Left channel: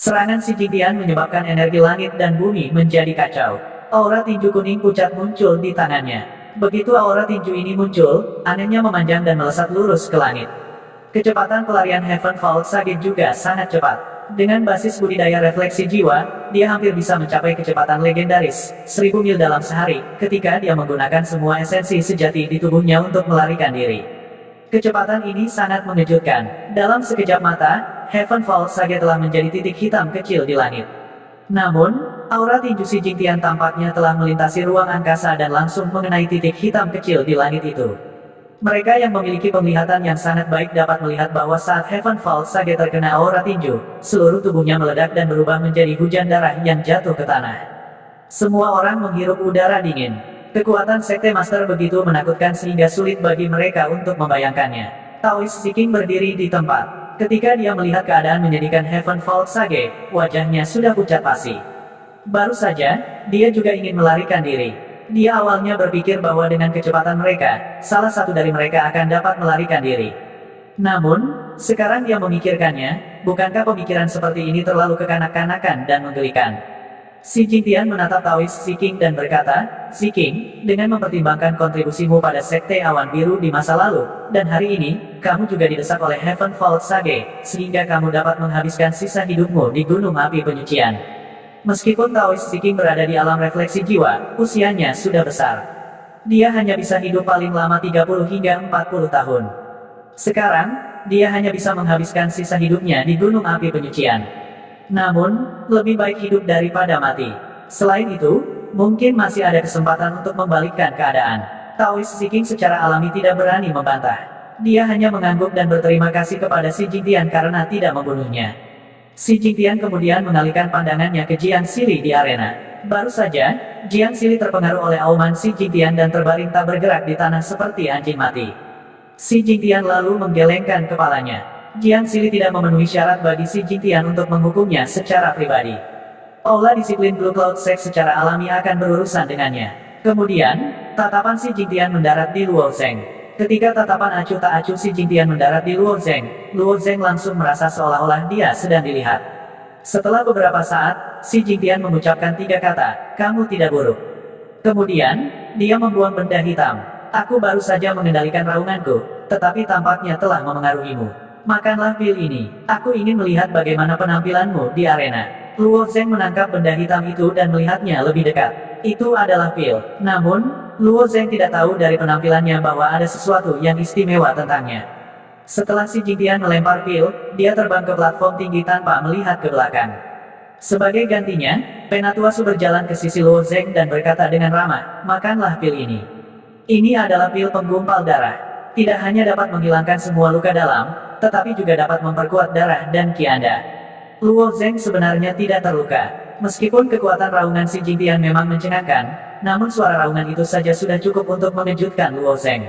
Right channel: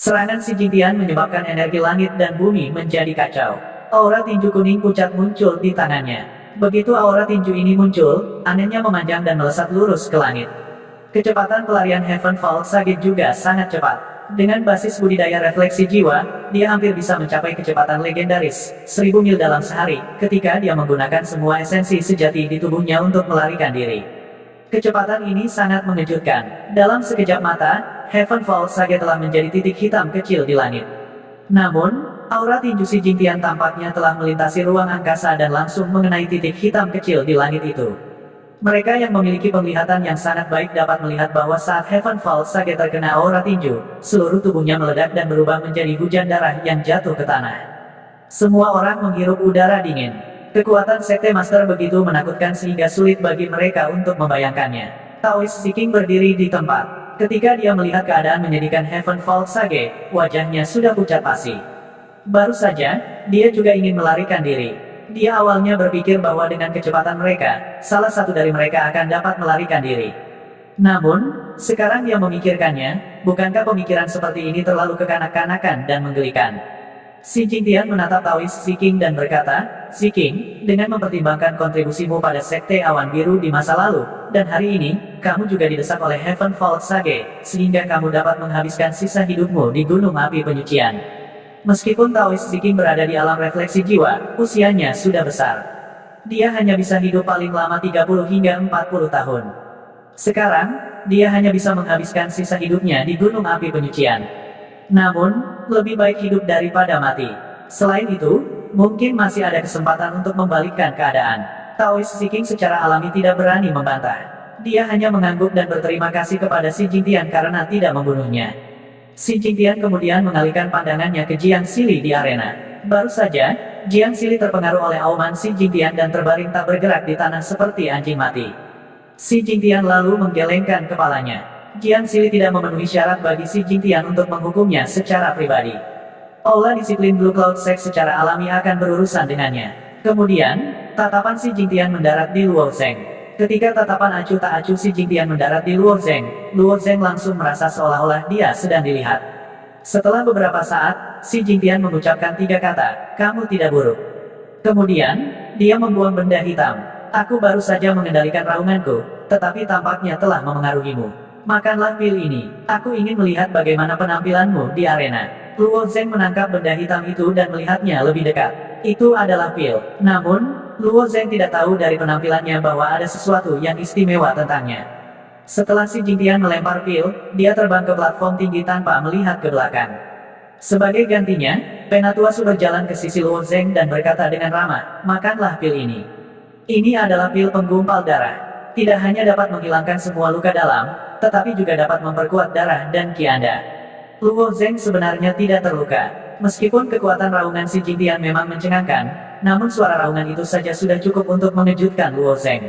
Serangan Si Jingtian menyebabkan energi langit dan bumi menjadi kacau. Aura tinju kuning pucat muncul di tangannya. Begitu aura tinju ini muncul, anehnya memanjang dan melesat lurus ke langit. Kecepatan pelarian Heavenfall Sage juga sangat cepat. Dengan basis budidaya refleksi jiwa, dia hampir bisa mencapai kecepatan legendaris, 1000 mil dalam sehari, ketika dia menggunakan semua esensi sejati di tubuhnya untuk melarikan diri. Kecepatan ini sangat mengejutkan. Dalam sekejap mata, Heavenfall Sage telah menjadi titik hitam kecil di langit. Namun, aura tinju Si Jingtian tampaknya telah melintasi ruang angkasa dan langsung mengenai titik hitam kecil di langit itu. Mereka yang memiliki penglihatan yang sangat baik dapat melihat bahwa saat Heavenfall Sage terkena aura tinju, seluruh tubuhnya meledak dan berubah menjadi hujan darah yang jatuh ke tanah. Semua orang menghirup udara dingin. Kekuatan Sekte Master begitu menakutkan sehingga sulit bagi mereka untuk membayangkannya. Taoist Ziking berdiri di tempat. Ketika dia melihat keadaan menyedihkan Heavenfall Sage, wajahnya sudah pucat pasi. Baru saja, dia juga ingin melarikan diri. Dia awalnya berpikir bahwa dengan kecepatan mereka, salah satu dari mereka akan dapat melarikan diri. Namun, sekarang dia memikirkannya, bukankah pemikiran seperti ini terlalu kekanak-kanakan dan menggelikan? Si Jingtian menatap Taoist Ziking dan berkata, "Ziking, dengan mempertimbangkan kontribusimu pada Sekte Awan Biru di masa lalu, dan hari ini, kamu juga didesak oleh Heavenfall Sage, sehingga kamu dapat menghabiskan sisa hidupmu di Gunung Api Penyucian." Meskipun Taoist Ziking berada di alam refleksi jiwa, usianya sudah besar. Dia hanya bisa hidup paling lama 30 hingga 40 tahun. Sekarang, dia hanya bisa menghabiskan sisa hidupnya di Gunung Api Penyucian. Namun, lebih baik hidup daripada mati. Selain itu, mungkin masih ada kesempatan untuk membalikkan keadaan. Taoist Ziking secara alami tidak berani membantah. Dia hanya mengangguk dan berterima kasih kepada Si Jingtian karena tidak membunuhnya. Si Jingtian kemudian mengalihkan pandangannya ke Jiang Sili di arena. Baru saja, Jiang Sili terpengaruh oleh auman Si Jingtian dan terbaring tak bergerak di tanah seperti anjing mati. Si Jingtian lalu menggelengkan kepalanya. Jiang Sili tidak memenuhi syarat bagi Si Jingtian untuk menghukumnya secara pribadi. Aula disiplin Blue Cloud Sect secara alami akan berurusan dengannya. Kemudian, tatapan Si Jingtian mendarat di Luo Zeng. Ketika tatapan acuh tak acuh Si Jingtian mendarat di Luo Zeng langsung merasa seolah-olah dia sedang dilihat. Setelah beberapa saat, Si Jingtian mengucapkan 3 kata, "Kamu tidak buruk." Kemudian, dia membuang benda hitam. "Aku baru saja mengendalikan raunganku, tetapi tampaknya telah memengaruhimu. Makanlah pil ini. Aku ingin melihat bagaimana penampilanmu di arena." Luo Zeng menangkap benda hitam itu dan melihatnya lebih dekat. Itu adalah pil. Namun, Luo Zeng tidak tahu dari penampilannya bahwa ada sesuatu yang istimewa tentangnya. Setelah Si Jingtian melempar pil, dia terbang ke platform tinggi tanpa melihat ke belakang. Sebagai gantinya, Penatuasu berjalan ke sisi Luo Zeng dan berkata dengan ramah, "Makanlah pil ini. Ini adalah pil penggumpal darah. Tidak hanya dapat menghilangkan semua luka dalam, tetapi juga dapat memperkuat darah dan ki Anda." Luo Zeng sebenarnya tidak terluka. Meskipun kekuatan raungan Si Jingtian memang mencengangkan, namun suara raungan itu saja sudah cukup untuk mengejutkan Luo Zeng.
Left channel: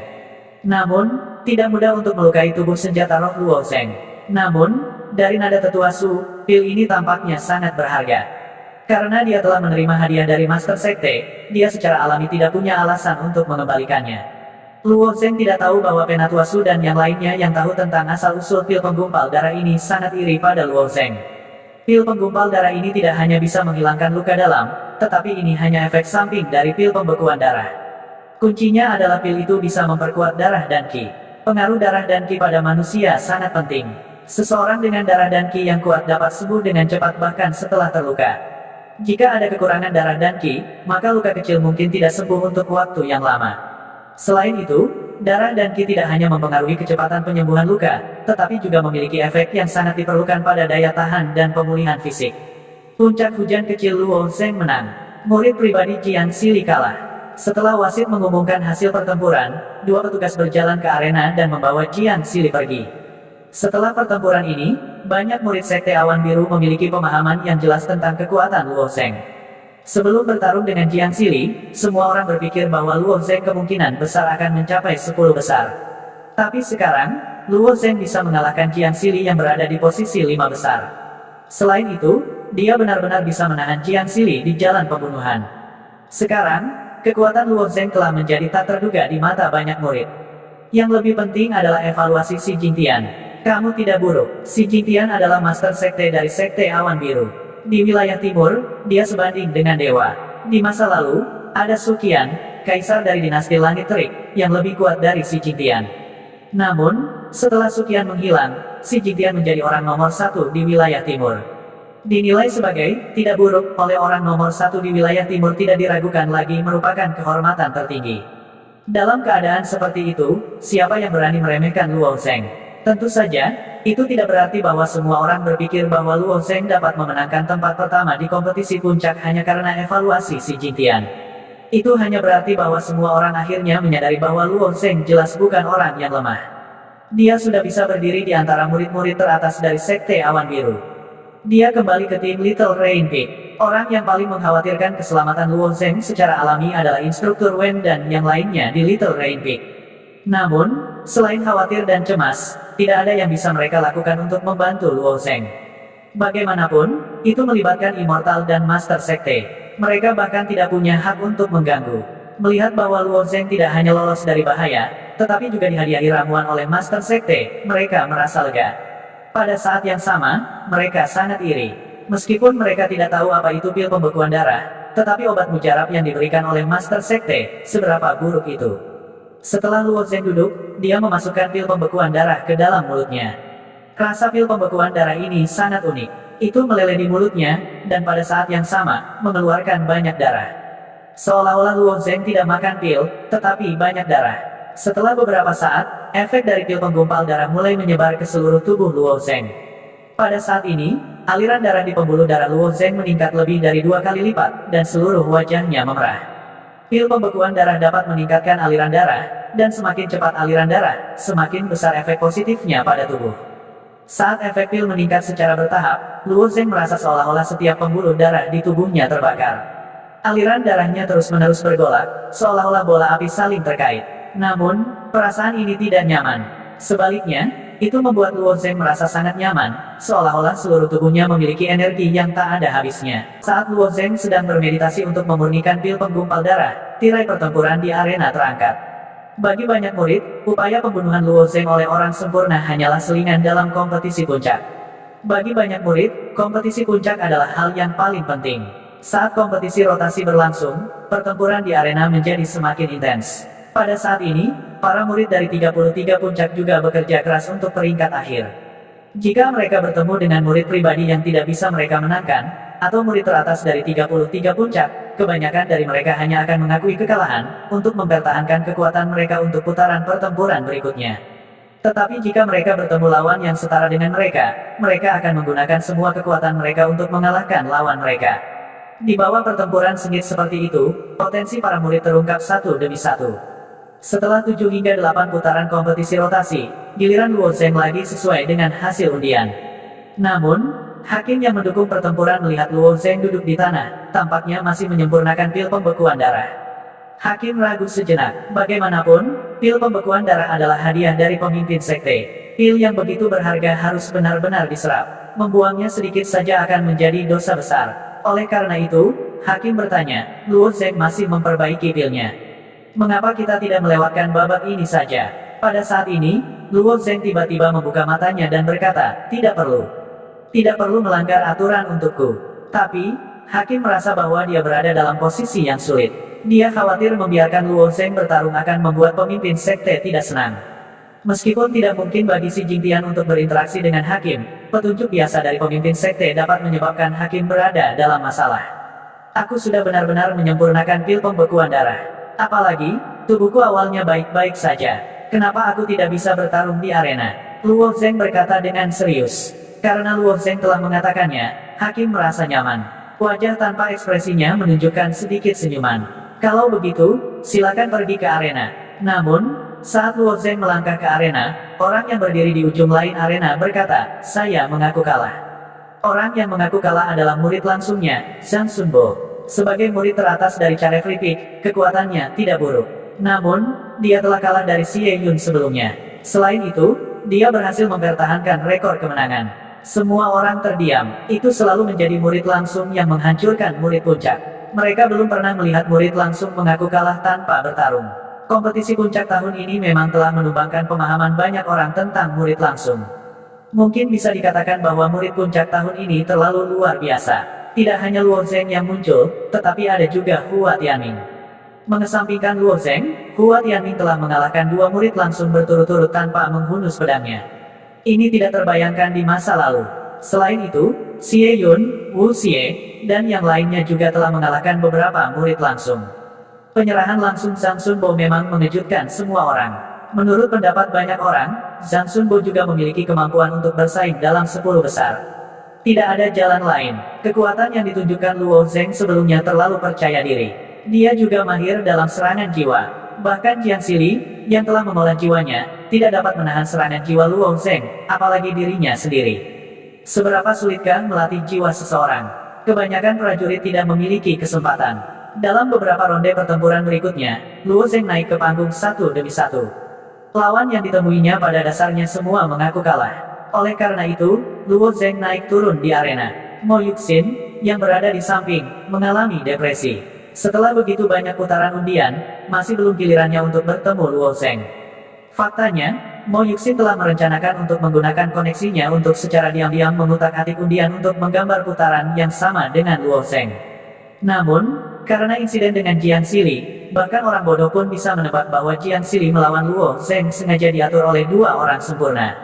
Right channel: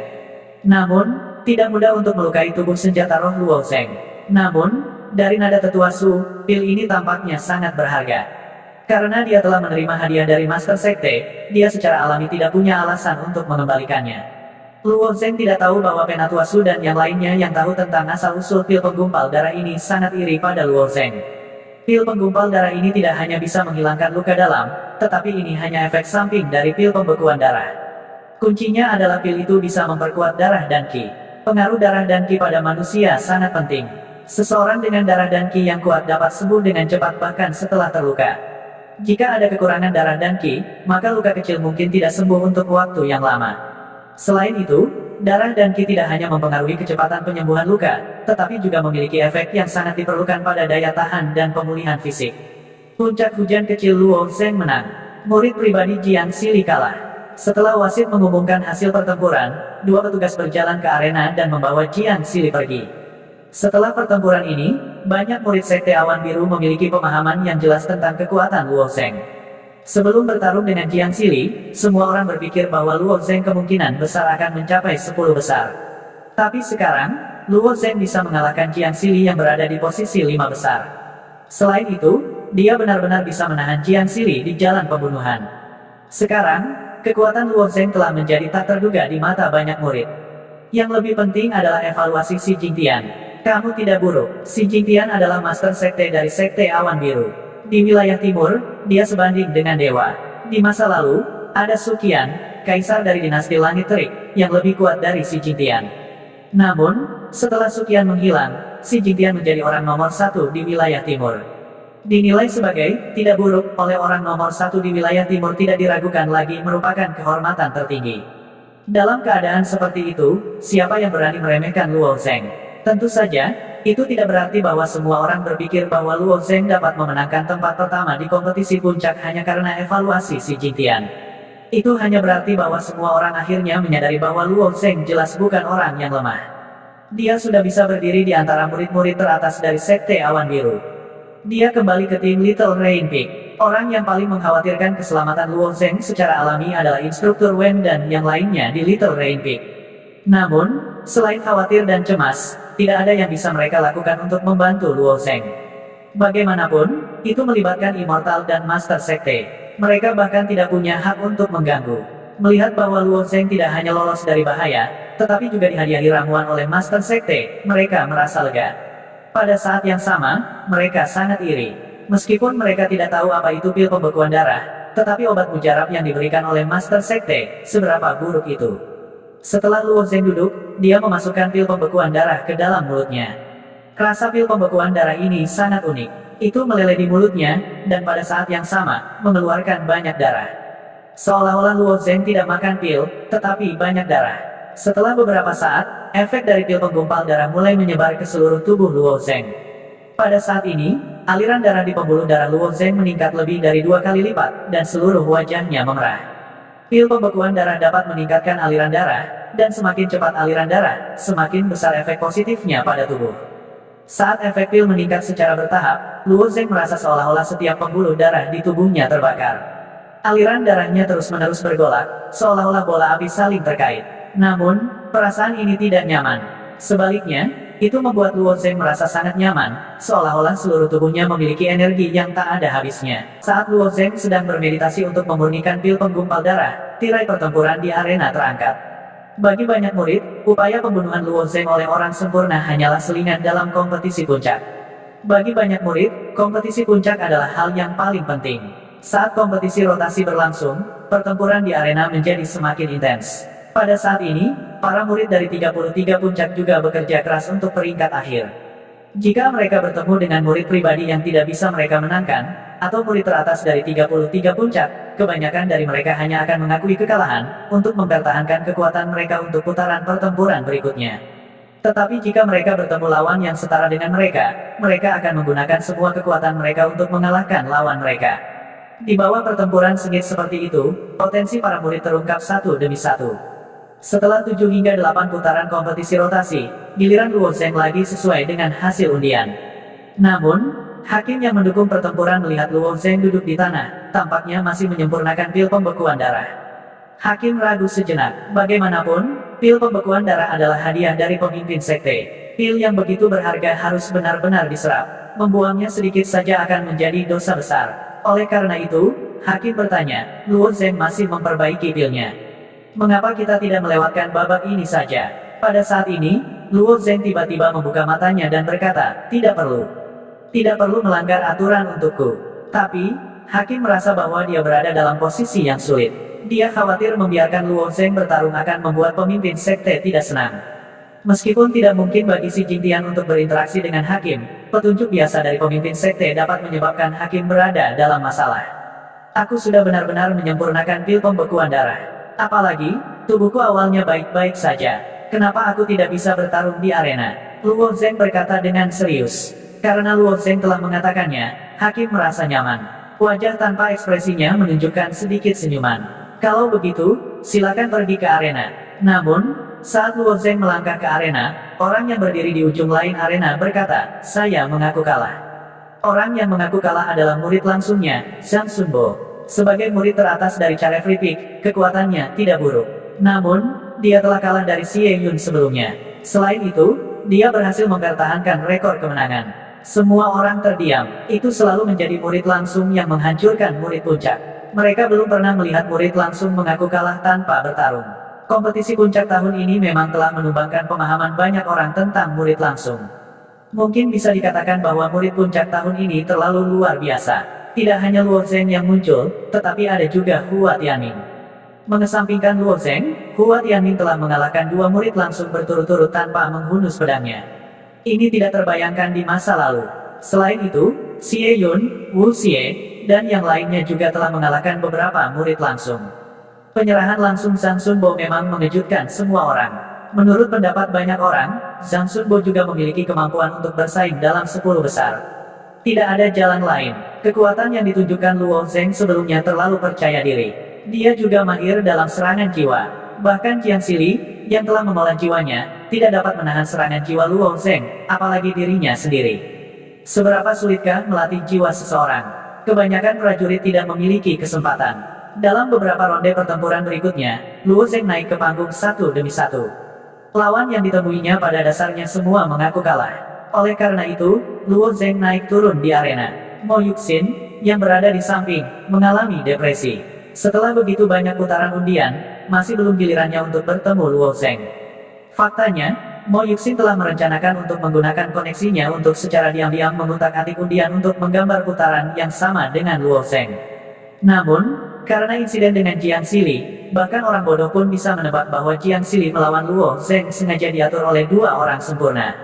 Namun, tidak mudah untuk melukai tubuh senjata roh Luo Zeng. Namun, dari nada Tetuasu, pil ini tampaknya sangat berharga. Karena dia telah menerima hadiah dari Master Sekte, dia secara alami tidak punya alasan untuk mengembalikannya. Luo Zeng tidak tahu bahwa Penatuasu dan yang lainnya yang tahu tentang asal-usul pil penggumpal darah ini sangat iri pada Luo Zeng. Pil penggumpal darah ini tidak hanya bisa menghilangkan luka dalam, tetapi ini hanya efek samping dari pil pembekuan darah. Kuncinya adalah pil itu bisa memperkuat darah dan ki. Pengaruh darah dan ki pada manusia sangat penting. Seseorang dengan darah dan ki yang kuat dapat sembuh dengan cepat bahkan setelah terluka. Jika ada kekurangan darah dan ki, maka luka kecil mungkin tidak sembuh untuk waktu yang lama. Selain itu, darah dan ki tidak hanya mempengaruhi kecepatan penyembuhan luka, tetapi juga memiliki efek yang sangat diperlukan pada daya tahan dan pemulihan fisik. Puncak hujan kecil Luo Zeng menang. Murid pribadi Jiang Sili kalah. Setelah wasit mengumumkan hasil pertempuran, 2 petugas berjalan ke arena dan membawa Jiang Sili pergi. Setelah pertempuran ini, banyak murid Sekte Awan Biru memiliki pemahaman yang jelas tentang kekuatan Luo Zeng. Sebelum bertarung dengan Jiang Sili, semua orang berpikir bahwa Luo Zeng kemungkinan besar akan mencapai 10 besar. Tapi sekarang, Luo Zeng bisa mengalahkan Jiang Sili yang berada di posisi 5 besar. Selain itu, dia benar-benar bisa menahan Jiang Sili di jalan pembunuhan. Sekarang, kekuatan Luo Zeng telah menjadi tak terduga di mata banyak murid. Yang lebih penting adalah evaluasi Si Jingtian. Kamu tidak buruk. Si Jingtian adalah master sekte dari Sekte Awan Biru. Di wilayah timur, dia sebanding dengan dewa. Di masa lalu, ada Suqian, kaisar dari dinasti Langit Terik, yang lebih kuat dari si Jingtian. Namun, setelah Suqian menghilang, si Jingtian menjadi orang nomor satu di wilayah timur. Dinilai sebagai tidak buruk oleh orang nomor satu di wilayah timur, tidak diragukan lagi merupakan kehormatan tertinggi. Dalam keadaan seperti itu, siapa yang berani meremehkan Luo Zheng? Tentu saja, itu tidak berarti bahwa semua orang berpikir bahwa Luo Zheng dapat memenangkan tempat pertama di kompetisi puncak hanya karena evaluasi si Jingtian. Itu hanya berarti bahwa semua orang akhirnya menyadari bahwa Luo Zheng jelas bukan orang yang lemah. Dia sudah bisa berdiri di antara murid-murid teratas dari Sekte Awan Biru. Dia kembali ke tim Little Rain Peak. Orang yang paling mengkhawatirkan keselamatan Luo Zheng secara alami adalah instruktur Wen dan yang lainnya di Little Rain Peak. Namun, selain khawatir dan cemas, tidak ada yang bisa mereka lakukan untuk membantu Luo Zheng. Bagaimanapun, itu melibatkan Immortal dan Master Sekte. Mereka bahkan tidak punya hak untuk mengganggu. Melihat bahwa Luo Zheng tidak hanya lolos dari bahaya, tetapi juga dihadiahi ramuan oleh Master Sekte, mereka merasa lega. Pada saat yang sama, mereka sangat iri. Meskipun mereka tidak tahu apa itu pil pembekuan darah, tetapi obat mujarab yang diberikan oleh Master Sekte, seberapa buruk itu. Setelah Luo Zheng duduk, dia memasukkan pil pembekuan darah ke dalam mulutnya. Rasa pil pembekuan darah ini sangat unik. Itu meleleh di mulutnya, dan pada saat yang sama, mengeluarkan banyak darah. Seolah-olah Luo Zheng tidak makan pil, tetapi banyak darah. Setelah beberapa saat, efek dari pil penggumpal darah mulai menyebar ke seluruh tubuh Luo Zheng. Pada saat ini, aliran darah di pembuluh darah Luo Zheng meningkat lebih dari 2 kali lipat, dan seluruh wajahnya memerah. Pil pembekuan darah dapat meningkatkan aliran darah, dan semakin cepat aliran darah, semakin besar efek positifnya pada tubuh. Saat efek pil meningkat secara bertahap, Luo Zheng merasa seolah-olah setiap pembuluh darah di tubuhnya terbakar. Aliran darahnya terus-menerus bergolak, seolah-olah bola api saling terkait. Namun, perasaan ini tidak nyaman. Sebaliknya, itu membuat Luo Zheng merasa sangat nyaman, seolah-olah seluruh tubuhnya memiliki energi yang tak ada habisnya. Saat Luo Zheng sedang bermeditasi untuk memurnikan pil penggumpal darah, tirai pertempuran di arena terangkat. Bagi banyak murid, upaya pembunuhan Luo Zheng oleh orang sempurna hanyalah selingan dalam kompetisi puncak. Bagi banyak murid, kompetisi puncak adalah hal yang paling penting. Saat kompetisi rotasi berlangsung, pertempuran di arena menjadi semakin intens. Pada saat ini, para murid dari 33 puncak juga bekerja keras untuk peringkat akhir. Jika mereka bertemu dengan murid pribadi yang tidak bisa mereka menangkan, atau murid teratas dari 33 puncak, kebanyakan dari mereka hanya akan mengakui kekalahan, untuk mempertahankan kekuatan mereka untuk putaran pertempuran berikutnya. Tetapi jika mereka bertemu lawan yang setara dengan mereka, mereka akan menggunakan semua kekuatan mereka untuk mengalahkan lawan mereka. Di bawah pertempuran sengit seperti itu, potensi para murid terungkap satu demi satu. Setelah 7 hingga 8 putaran kompetisi rotasi, giliran Luo Zheng lagi sesuai dengan hasil undian. Namun, hakim yang mendukung pertempuran melihat Luo Zheng duduk di tanah, tampaknya masih menyempurnakan pil pembekuan darah. Hakim ragu sejenak. Bagaimanapun, pil pembekuan darah adalah hadiah dari pemimpin sekte. Pil yang begitu berharga harus benar-benar diserap. Membuangnya sedikit saja akan menjadi dosa besar. Oleh karena itu, hakim bertanya, Luo Zheng masih memperbaiki pilnya. Mengapa kita tidak melewatkan babak ini saja? Pada saat ini, Luo Zheng tiba-tiba membuka matanya dan berkata, tidak perlu. Tidak perlu melanggar aturan untukku. Tapi, hakim merasa bahwa dia berada dalam posisi yang sulit. Dia khawatir membiarkan Luo Zheng bertarung akan membuat pemimpin sekte tidak senang. Meskipun tidak mungkin bagi si Jingtian untuk berinteraksi dengan hakim, petunjuk biasa dari pemimpin sekte dapat menyebabkan hakim berada dalam masalah. Aku sudah benar-benar menyempurnakan pil pembekuan darah. Apalagi, tubuhku awalnya baik-baik saja. Kenapa aku tidak bisa bertarung di arena? Luo Zheng berkata dengan serius. Karena Luo Zheng telah mengatakannya, hakim merasa nyaman. Wajah tanpa ekspresinya menunjukkan sedikit senyuman. Kalau begitu, silakan pergi ke arena. Namun, saat Luo Zheng melangkah ke arena, orang yang berdiri di ujung lain arena berkata, saya mengaku kalah. Orang yang mengaku kalah adalah murid langsungnya, Zhang Sunbo. Sebagai murid teratas dari Carefree Peak, kekuatannya tidak buruk. Namun, dia telah kalah dari Xie Yun sebelumnya. Selain itu, dia berhasil mempertahankan rekor kemenangan. Semua orang terdiam. Itu selalu menjadi murid langsung yang menghancurkan murid puncak. Mereka belum pernah melihat murid langsung mengaku kalah tanpa bertarung. Kompetisi puncak tahun ini memang telah menumbangkan pemahaman banyak orang tentang murid langsung. Mungkin bisa dikatakan bahwa murid puncak tahun ini terlalu luar biasa. Tidak hanya Luo Zheng yang muncul, tetapi ada juga Hua Tianming. Mengesampingkan Luo Zheng, Hua Tianming telah mengalahkan dua murid langsung berturut-turut tanpa menghunus pedangnya. Ini tidak terbayangkan di masa lalu. Selain itu, Xie Yun, Wu Xie, dan yang lainnya juga telah mengalahkan beberapa murid langsung. Penyerahan langsung Zhang Sunbo memang mengejutkan semua orang. Menurut pendapat banyak orang, Zhang Sunbo juga memiliki kemampuan untuk bersaing dalam 10 besar. Tidak ada jalan lain. Kekuatan yang ditunjukkan Luo Zheng sebelumnya terlalu percaya diri. Dia juga mahir dalam serangan jiwa. Bahkan Jiang Xili, yang telah mengolah jiwanya, tidak dapat menahan serangan jiwa Luo Zheng, apalagi dirinya sendiri. Seberapa sulitkah melatih jiwa seseorang? Kebanyakan prajurit tidak memiliki kesempatan. Dalam beberapa ronde pertempuran berikutnya, Luo Zheng naik ke panggung satu demi satu. Lawan yang ditemuinya pada dasarnya semua mengaku kalah. Oleh karena itu, Luo Zheng naik turun di arena. Mo Yuxin, yang berada di samping, mengalami depresi. Setelah begitu banyak putaran undian, masih belum gilirannya untuk bertemu Luo Zheng. Faktanya, Mo Yuxin telah merencanakan untuk menggunakan koneksinya untuk secara diam-diam mengutak-atik undian untuk menggambar putaran yang sama dengan Luo Zheng. Namun, karena insiden dengan Jiang Xili, bahkan orang bodoh pun bisa menebak bahwa Jiang Xili melawan Luo Zheng sengaja diatur oleh dua orang sempurna.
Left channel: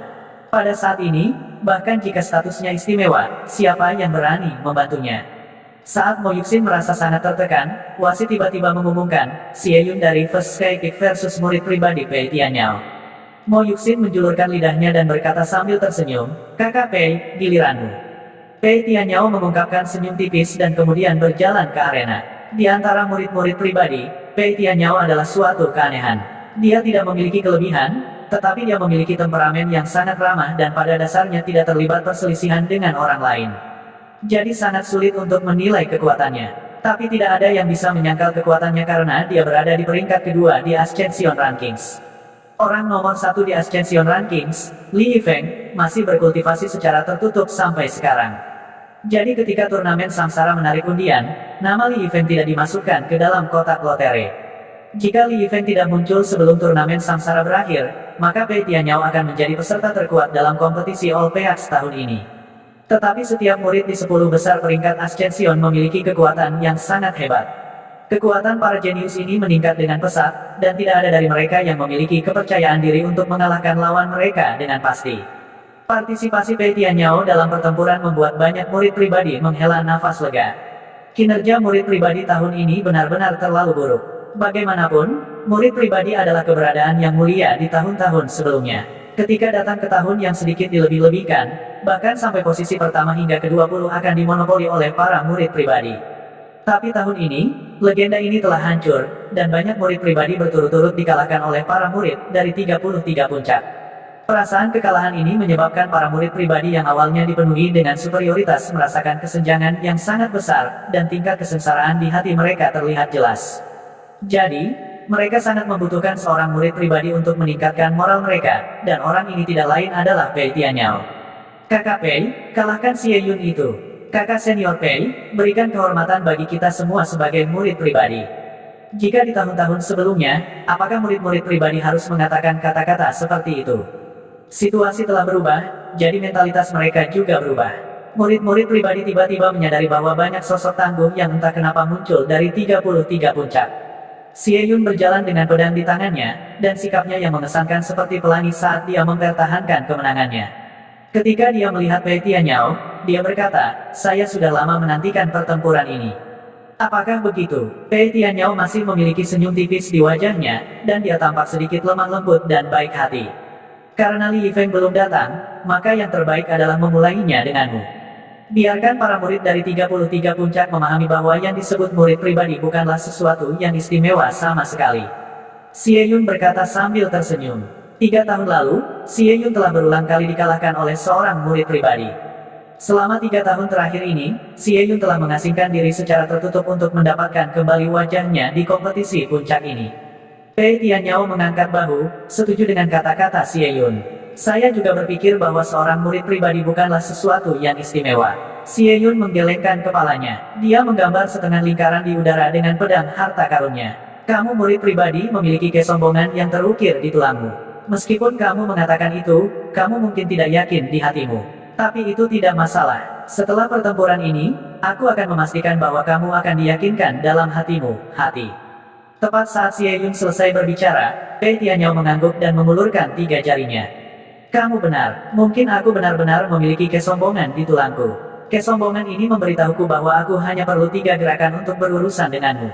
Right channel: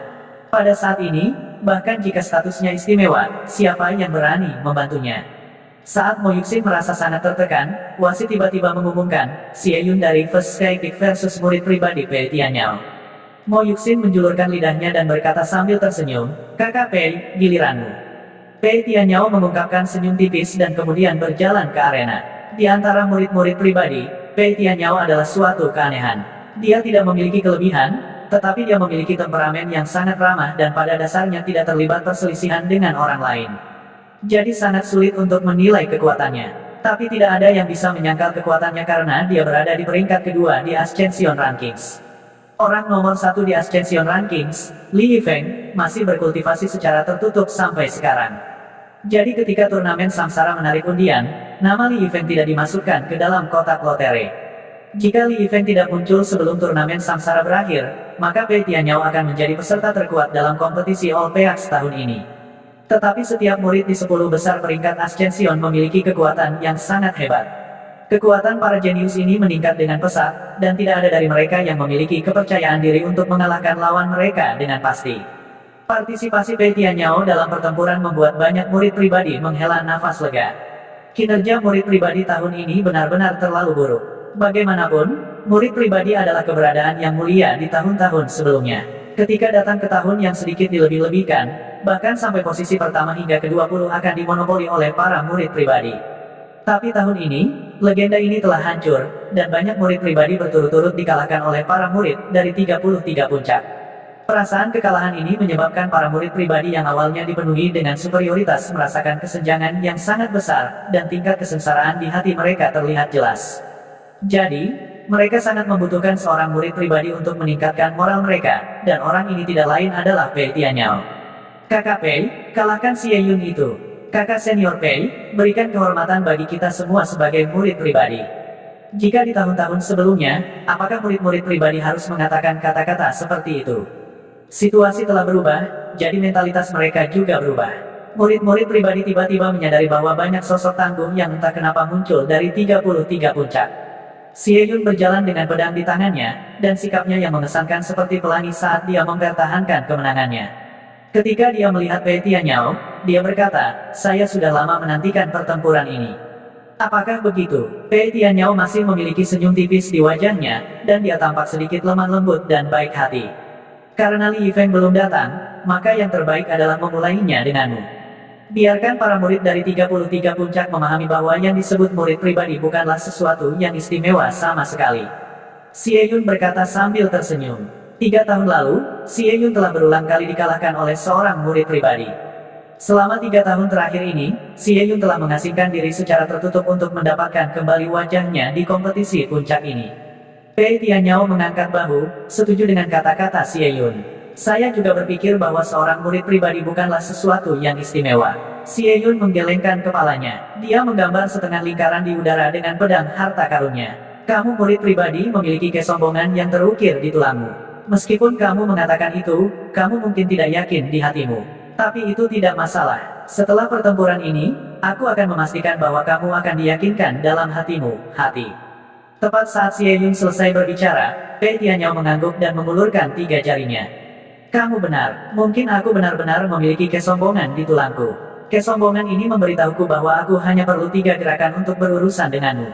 Pada saat ini, bahkan jika statusnya istimewa, siapa yang berani membantunya? Saat Mo Yuxin merasa sangat tertekan, wasit tiba-tiba mengumumkan, Xie Yun dari First Sky Peak versus murid pribadi Pei Tianyao. Mo Yuxin menjulurkan lidahnya dan berkata sambil tersenyum, Kakak Pei, giliranmu. Pei Tianyao mengungkapkan senyum tipis dan kemudian berjalan ke arena. Di antara murid-murid pribadi, Pei Tianyao adalah suatu keanehan. Dia tidak memiliki kelebihan, tetapi dia memiliki temperamen yang sangat ramah dan pada dasarnya tidak terlibat perselisihan dengan orang lain. Jadi sangat sulit untuk menilai kekuatannya. Tapi tidak ada yang bisa menyangkal kekuatannya karena dia berada di peringkat kedua di Ascension Rankings. Orang nomor satu di Ascension Rankings, Li Yifeng, masih berkultivasi secara tertutup sampai sekarang. Jadi ketika turnamen Samsara menarik undian, nama Li Yifeng tidak dimasukkan ke dalam kotak lotre. Jika Li Yifeng tidak muncul sebelum turnamen Samsara berakhir, maka Pei Tianyao akan menjadi peserta terkuat dalam kompetisi All Peaks tahun ini. Tetapi setiap murid di 10 besar peringkat Ascension memiliki kekuatan yang sangat hebat. Kekuatan para jenius ini meningkat dengan pesat, dan tidak ada dari mereka yang memiliki kepercayaan diri untuk mengalahkan lawan mereka dengan pasti. Partisipasi Pei Tianyao dalam pertempuran membuat banyak murid pribadi menghela nafas lega. Kinerja murid pribadi tahun ini benar-benar terlalu buruk. Bagaimanapun, murid pribadi adalah keberadaan yang mulia di tahun-tahun sebelumnya. Ketika datang ke tahun yang sedikit dilebih-lebihkan, bahkan sampai posisi pertama hingga ke-20 akan dimonopoli oleh para murid pribadi. Tapi tahun ini, legenda ini telah hancur, dan banyak murid pribadi berturut-turut dikalahkan oleh para murid dari 33 puncak. Perasaan kekalahan ini menyebabkan para murid pribadi yang awalnya dipenuhi dengan superioritas merasakan kesenjangan yang sangat besar, dan tingkat kesengsaraan di hati mereka terlihat jelas. Jadi, mereka sangat membutuhkan seorang murid pribadi untuk meningkatkan moral mereka, dan orang ini tidak lain adalah Pei Tianyao. Kakak Pei, kalahkan Xie Yun itu. Kakak senior Pei, berikan kehormatan bagi kita semua sebagai murid pribadi. Jika di tahun-tahun sebelumnya, apakah murid-murid pribadi harus mengatakan kata-kata seperti itu? Situasi telah berubah, jadi mentalitas mereka juga berubah. Murid-murid pribadi tiba-tiba menyadari bahwa banyak sosok tangguh yang entah kenapa muncul dari 33 puncak. Xie Yun berjalan dengan pedang di tangannya, dan sikapnya yang mengesankan seperti pelangi saat dia mempertahankan kemenangannya. Ketika dia melihat Pei Tianyao, dia berkata, saya sudah lama menantikan pertempuran ini. Apakah begitu? Pei Tianyao masih memiliki senyum tipis di wajahnya, dan dia tampak sedikit lemah lembut dan baik hati. Karena Li Yifeng belum datang, maka yang terbaik adalah memulainya denganmu. Biarkan para murid dari 33 puncak memahami bahwa yang disebut murid pribadi bukanlah sesuatu yang istimewa sama sekali. Xie Yun berkata sambil tersenyum. 3 tahun lalu, Xie Yun telah berulang kali dikalahkan oleh seorang murid pribadi. Selama 3 tahun terakhir ini, Xie Yun telah mengasingkan diri secara tertutup untuk mendapatkan kembali wajahnya di kompetisi puncak ini. Pei Tianyao mengangkat bahu, setuju dengan kata-kata Xie Yun. Saya juga berpikir bahwa seorang murid pribadi bukanlah sesuatu yang istimewa. Xie Yun menggelengkan kepalanya. Dia menggambar setengah lingkaran di udara dengan pedang harta karunnya. Kamu murid pribadi memiliki kesombongan yang terukir di tulangmu. Meskipun kamu mengatakan itu, kamu mungkin tidak yakin di hatimu. Tapi itu tidak masalah. Setelah pertempuran ini, aku akan memastikan bahwa kamu akan diyakinkan dalam hatimu, hati. Tepat saat Xie Yun selesai berbicara, Pei Tianyao mengangguk dan mengulurkan 3 jarinya. Kamu benar, mungkin aku benar-benar memiliki kesombongan di tulangku. Kesombongan ini memberitahuku bahwa aku hanya perlu 3 gerakan untuk berurusan denganmu.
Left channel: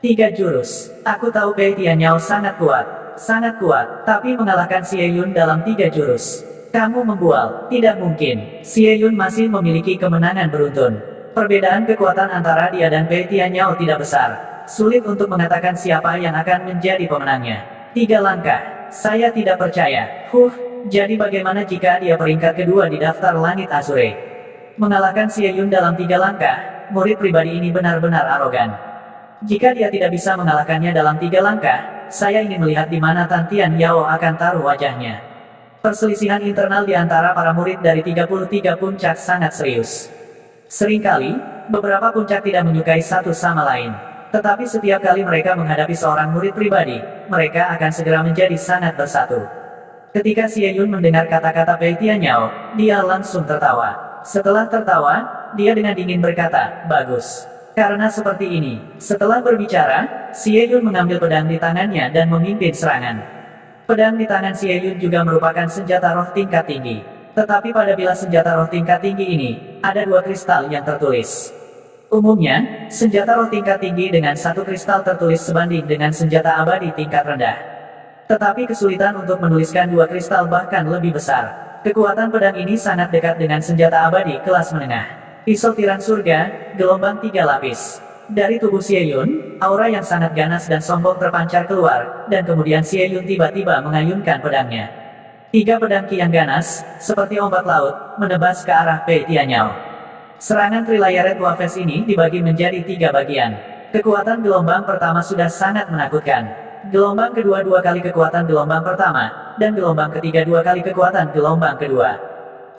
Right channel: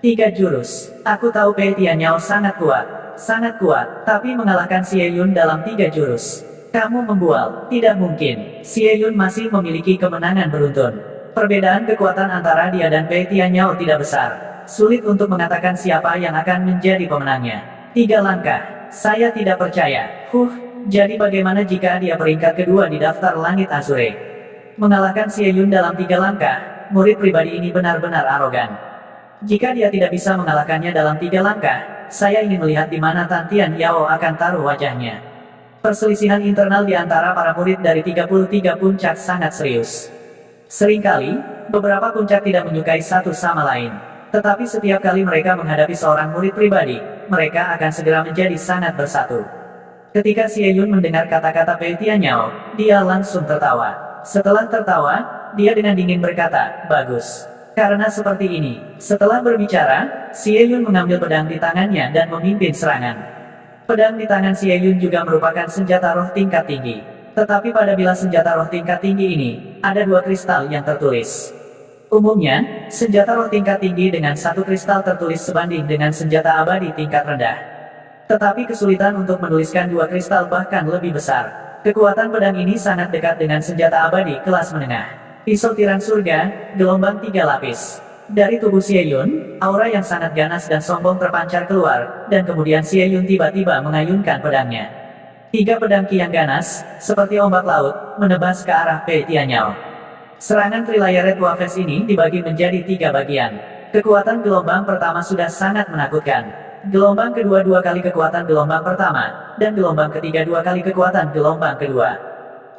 3 jurus. Aku tahu Pei Tianyao sangat kuat. Sangat kuat, tapi mengalahkan Xie Yun dalam 3 jurus. Kamu membual, tidak mungkin. Xie Yun masih memiliki kemenangan beruntun. Perbedaan kekuatan antara dia dan Pei Tianyao tidak besar. Sulit untuk mengatakan siapa yang akan menjadi pemenangnya. 3 langkah. Saya tidak percaya. Jadi bagaimana jika dia peringkat kedua di daftar langit Azure? Mengalahkan Xie Yun dalam 3 langkah, murid pribadi ini benar-benar arogan. Jika dia tidak bisa mengalahkannya dalam 3 langkah, saya ingin melihat di mana Tan Tian Yao akan taruh wajahnya. Perselisihan internal di antara para murid dari 33 puncak sangat serius. Seringkali, beberapa puncak tidak menyukai satu sama lain. Tetapi setiap kali mereka menghadapi seorang murid pribadi, mereka akan segera menjadi sangat bersatu. Ketika Xie Yun mendengar kata-kata Pei Tianyao, dia langsung tertawa. Setelah tertawa, dia dengan dingin berkata, "Bagus. Karena seperti ini." Setelah berbicara, Xie Yun mengambil pedang di tangannya dan memimpin serangan. Pedang di tangan Xie Yun juga merupakan senjata roh tingkat tinggi. Tetapi pada bilah senjata roh tingkat tinggi ini, ada 2 kristal yang tertulis. Umumnya, senjata roh tingkat tinggi dengan 1 kristal tertulis sebanding dengan senjata abadi tingkat rendah. Tetapi kesulitan untuk menuliskan 2 kristal bahkan lebih besar. Kekuatan pedang ini sangat dekat dengan senjata abadi kelas menengah. Pisau tiran surga, gelombang 3 lapis. Dari tubuh Xie Yun, aura yang sangat ganas dan sombong terpancar keluar, dan kemudian Xie Yun tiba-tiba mengayunkan pedangnya. 3 pedang ki yang ganas, seperti ombak laut, menebas ke arah Pei Tianyao. Serangan Trilayered Wafes ini dibagi menjadi 3 bagian. Kekuatan gelombang pertama sudah sangat menakutkan. Gelombang kedua 2 kali kekuatan gelombang pertama, dan gelombang ketiga 2 kali kekuatan gelombang kedua.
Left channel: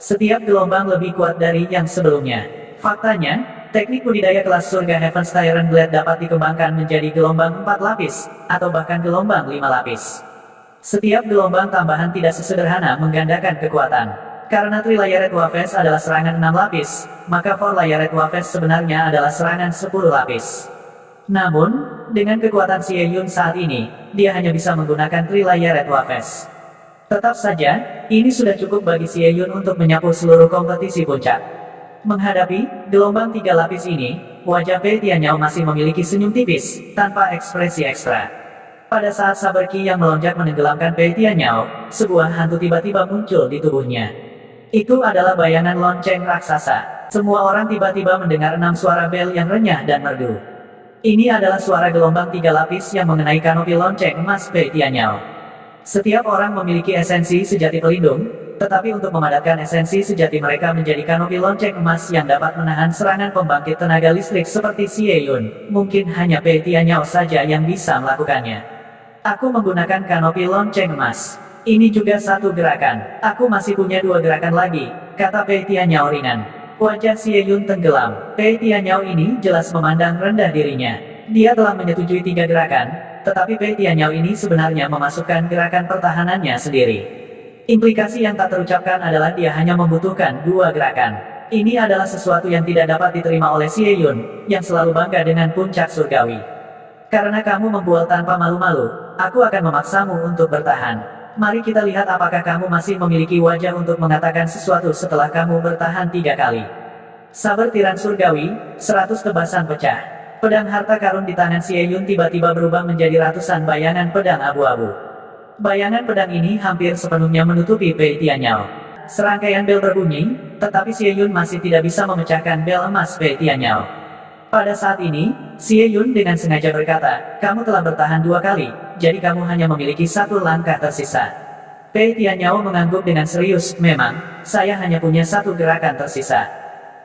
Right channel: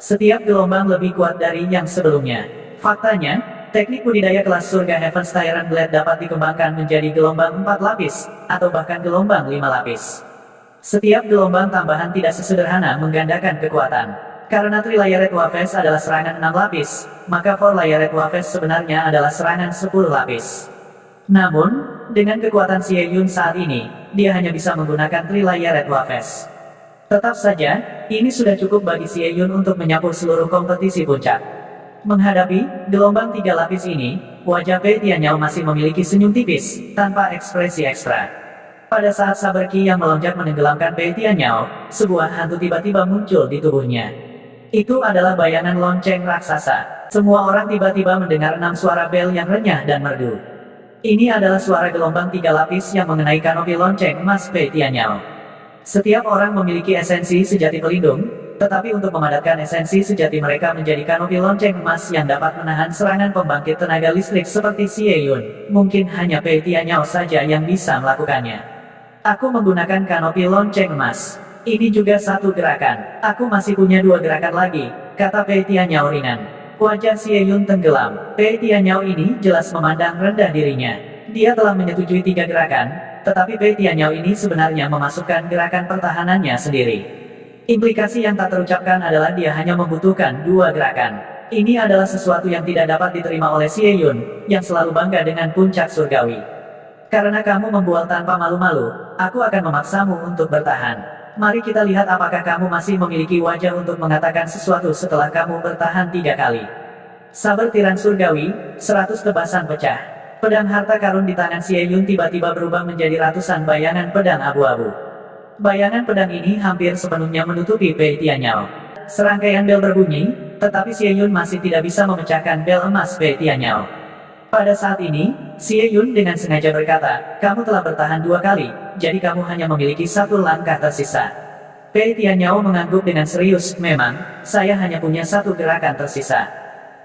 Setiap gelombang lebih kuat dari yang sebelumnya. Faktanya, teknik budidaya kelas surga Heaven's Tyrant Blade dapat dikembangkan menjadi gelombang 4 lapis, atau bahkan gelombang 5 lapis. Setiap gelombang tambahan tidak sesederhana menggandakan kekuatan. Karena Trilayered Wafes adalah serangan 6 lapis, maka 4-Layered Wafes sebenarnya adalah serangan 10 lapis. Namun, dengan kekuatan Xie Yun saat ini, dia hanya bisa menggunakan Trilayered Wafes. Tetap saja, ini sudah cukup bagi Xie Yun untuk menyapu seluruh kompetisi puncak. Menghadapi gelombang 3 lapis ini, wajah Pei Tianyao masih memiliki senyum tipis, tanpa ekspresi ekstra. Pada saat saber ki yang melonjak menenggelamkan Pei Tianyao, sebuah hantu tiba-tiba muncul di tubuhnya. Itu adalah bayangan lonceng raksasa. Semua orang tiba-tiba mendengar 6 suara bel yang renyah dan merdu. Ini adalah suara gelombang 3 lapis yang mengenai kanopi lonceng emas Pei Tianyao. Setiap orang memiliki esensi sejati pelindung, tetapi untuk memadatkan esensi sejati mereka menjadi kanopi lonceng emas yang dapat menahan serangan pembangkit tenaga listrik seperti Xie Yun, mungkin hanya Pei Tianyao saja yang bisa melakukannya. Aku menggunakan kanopi lonceng emas. Ini juga 1 gerakan. Aku masih punya 2 gerakan lagi, kata Pei Tianyao ringan. Wajah Xie Yun tenggelam. Pei Tianyao ini jelas memandang rendah dirinya. Dia telah menyetujui 3 gerakan, tetapi Pei Tianyao ini sebenarnya memasukkan gerakan pertahanannya sendiri. Implikasi yang tak terucapkan adalah dia hanya membutuhkan 2 gerakan. Ini adalah sesuatu yang tidak dapat diterima oleh Xie Yun, yang selalu bangga dengan puncak surgawi. Karena kamu membual tanpa malu-malu, aku akan memaksamu untuk bertahan. Mari kita lihat apakah kamu masih memiliki wajah untuk mengatakan sesuatu setelah kamu bertahan 3 kali. Saber tiran surgawi, 100 tebasan pecah. Pedang harta karun di tangan Xie Yun tiba-tiba berubah menjadi ratusan bayangan pedang abu-abu. Bayangan pedang ini hampir sepenuhnya menutupi Pei Tianyao. Serangkaian bel berbunyi, tetapi Xie Yun masih tidak bisa memecahkan bel emas Pei Tianyao. Pada saat ini, Xie Yun dengan sengaja berkata, "Kamu telah bertahan 2 kali, jadi kamu hanya memiliki 1 langkah tersisa." Pei Tianyao mengangguk dengan serius, "Memang, saya hanya punya 1 gerakan tersisa."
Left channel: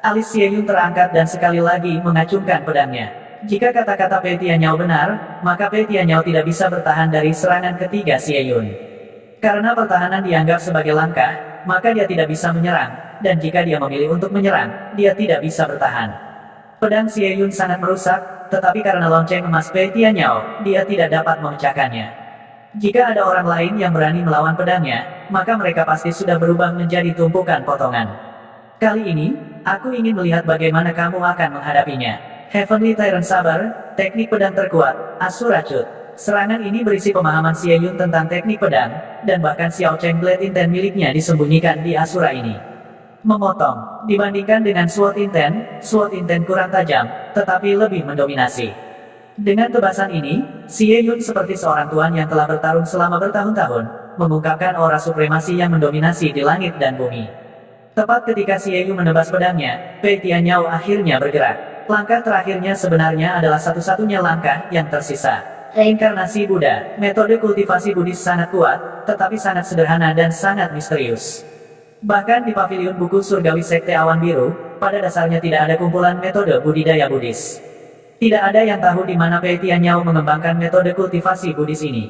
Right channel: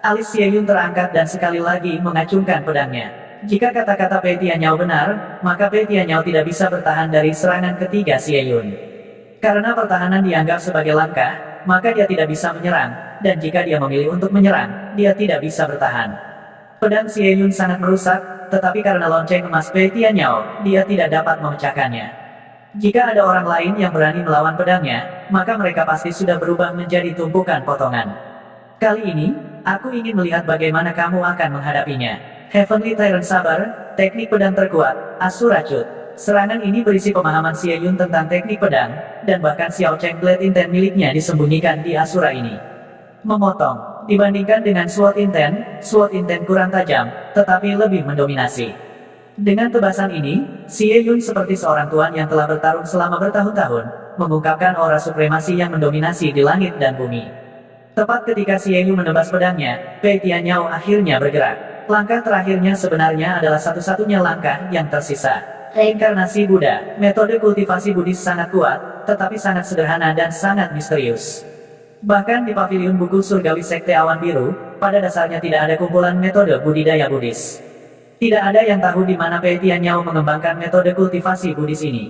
Alis Xie Yun terangkat dan sekali lagi mengacungkan pedangnya. Jika kata-kata Pei Tianyao benar, maka Pei Tianyao tidak bisa bertahan dari serangan ketiga Xie Yun. Karena pertahanan dianggap sebagai langkah, maka dia tidak bisa menyerang, dan jika dia memilih untuk menyerang, dia tidak bisa bertahan. Pedang Xie Yun sangat merusak, tetapi karena lonceng emas Pei Tianyao, dia tidak dapat memecahkannya. Jika ada orang lain yang berani melawan pedangnya, maka mereka pasti sudah berubah menjadi tumpukan potongan. Kali ini, aku ingin melihat bagaimana kamu akan menghadapinya. Heavenly Tyrant Saber, teknik pedang terkuat, Asura Cut. Serangan ini berisi pemahaman Xie Yun tentang teknik pedang, dan bahkan Xiao Cheng Blade Inten miliknya disembunyikan di Asura ini. Memotong, dibandingkan dengan Sword Inten kurang tajam, tetapi lebih mendominasi. Dengan tebasan ini, Xie Yun seperti seorang tuan yang telah bertarung selama bertahun-tahun, mengungkapkan aura supremasi yang mendominasi di langit dan bumi. Tepat ketika Xie Yun menebas pedangnya, Pei Tianyao akhirnya bergerak. Langkah terakhirnya sebenarnya adalah satu-satunya langkah yang tersisa. Reinkarnasi Buddha, metode kultivasi Buddhis sangat kuat, tetapi sangat sederhana dan sangat misterius. Bahkan di pavilion buku surgawi Sekte Awan Biru, pada dasarnya tidak ada kumpulan metode budidaya Buddhis. Tidak ada yang tahu di mana Pei Tianyao mengembangkan metode kultivasi Buddhis ini.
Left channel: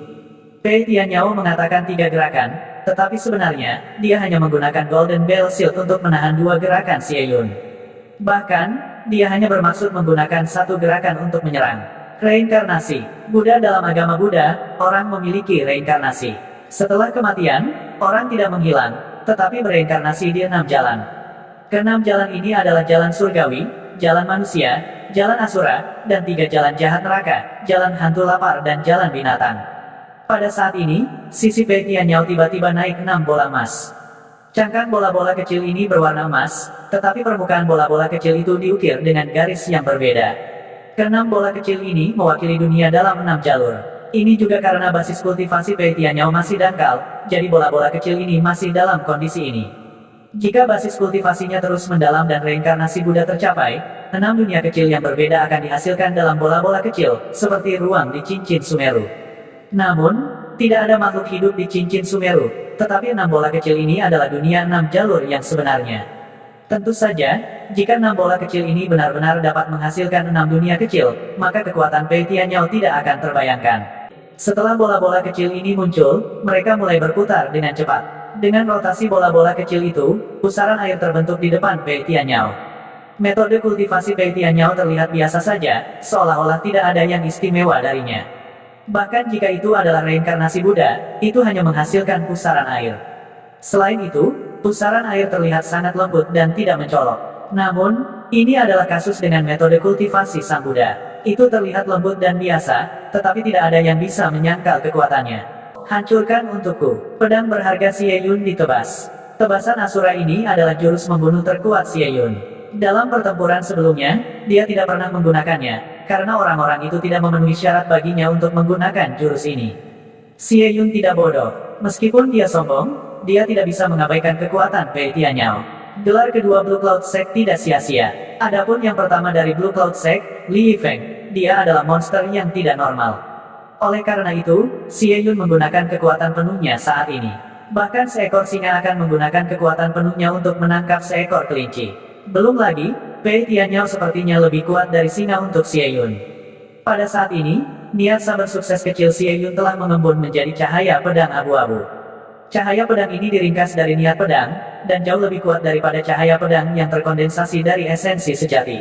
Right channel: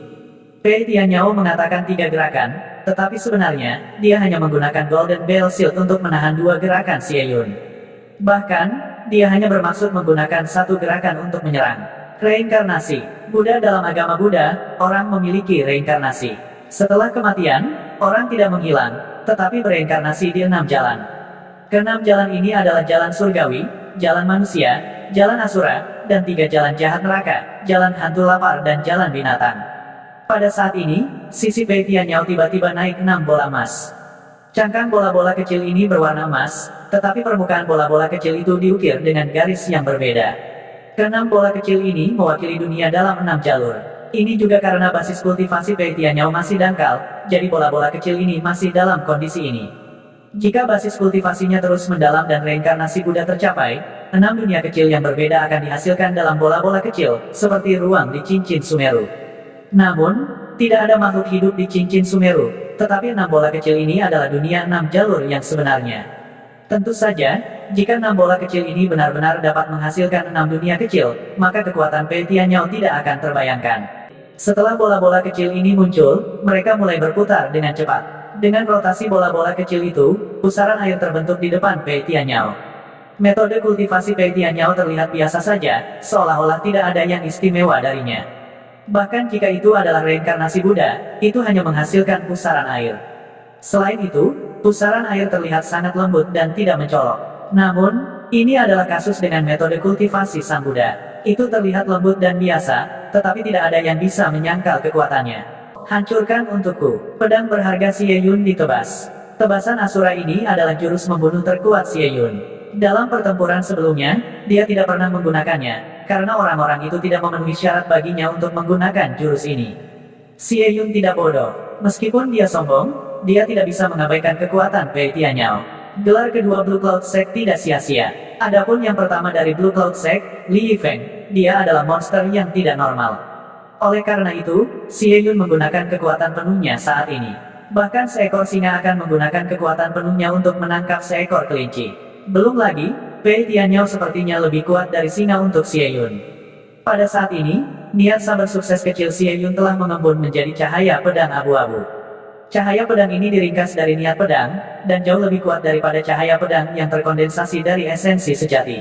Pei Tianyao mengatakan 3 gerakan, tetapi sebenarnya, dia hanya menggunakan Golden Bell Shield untuk menahan 2 gerakan Xie Yun. Bahkan, dia hanya bermaksud menggunakan 1 gerakan untuk menyerang. Reinkarnasi. Buddha dalam agama Buddha, orang memiliki reinkarnasi. Setelah kematian, orang tidak menghilang, tetapi bereinkarnasi di 6 jalan. Ke-6 jalan ini adalah jalan surgawi, jalan manusia, jalan asura, dan 3 jalan jahat neraka, jalan hantu lapar dan jalan binatang. Pada saat ini, sisi Pei Tianyao tiba-tiba naik 6 bola emas. Cangkang bola-bola kecil ini berwarna emas, tetapi permukaan bola-bola kecil itu diukir dengan garis yang berbeda. Ke-6 bola kecil ini mewakili dunia dalam 6 jalur. Ini juga karena basis kultivasi Pei Tianyao masih dangkal, jadi bola-bola kecil ini masih dalam kondisi ini. Jika basis kultivasinya terus mendalam dan reinkarnasi Buddha tercapai, 6 dunia kecil yang berbeda akan dihasilkan dalam bola-bola kecil, seperti ruang di cincin Sumeru. Namun, tidak ada makhluk hidup di cincin Sumeru, tetapi 6 bola kecil ini adalah dunia 6 jalur yang sebenarnya. Tentu saja, jika 6 bola kecil ini benar-benar dapat menghasilkan 6 dunia kecil, maka kekuatan Pei Tianyao tidak akan terbayangkan. Setelah bola-bola kecil ini muncul, mereka mulai berputar dengan cepat. Dengan rotasi bola-bola kecil itu, pusaran air terbentuk di depan Pei Tianyao. Metode kultivasi Pei Tianyao terlihat biasa saja, seolah-olah tidak ada yang istimewa darinya. Bahkan jika itu adalah reinkarnasi Buddha, itu hanya menghasilkan pusaran air. Selain itu, pusaran air terlihat sangat lembut dan tidak mencolok. Namun, ini adalah kasus dengan metode kultivasi Sang Buddha. Itu terlihat lembut dan biasa, tetapi tidak ada yang bisa menyangkal kekuatannya. Hancurkan untukku. Pedang berharga Xie Yun ditebas. Tebasan Asura ini adalah jurus membunuh terkuat Xie Yun. Dalam pertempuran sebelumnya, dia tidak pernah menggunakannya, karena orang-orang itu tidak memenuhi syarat baginya untuk menggunakan jurus ini. Xie Yun tidak bodoh. Meskipun dia sombong, dia tidak bisa mengabaikan kekuatan Pei Tianyao. Gelar kedua Blue Cloud Sect tidak sia-sia. Adapun yang pertama dari Blue Cloud Sect, Li Yifeng, dia adalah monster yang tidak normal. Oleh karena itu, Xie Yun menggunakan kekuatan penuhnya saat ini. Bahkan seekor singa akan menggunakan kekuatan penuhnya untuk menangkap seekor kelinci. Belum lagi, Pei Tianyao sepertinya lebih kuat dari singa untuk Xie Yun. Pada saat ini, niat saber sukses kecil Xie Yun telah mengembun menjadi cahaya pedang abu-abu. Cahaya pedang ini diringkas dari niat pedang, dan jauh lebih kuat daripada cahaya pedang yang terkondensasi dari esensi sejati.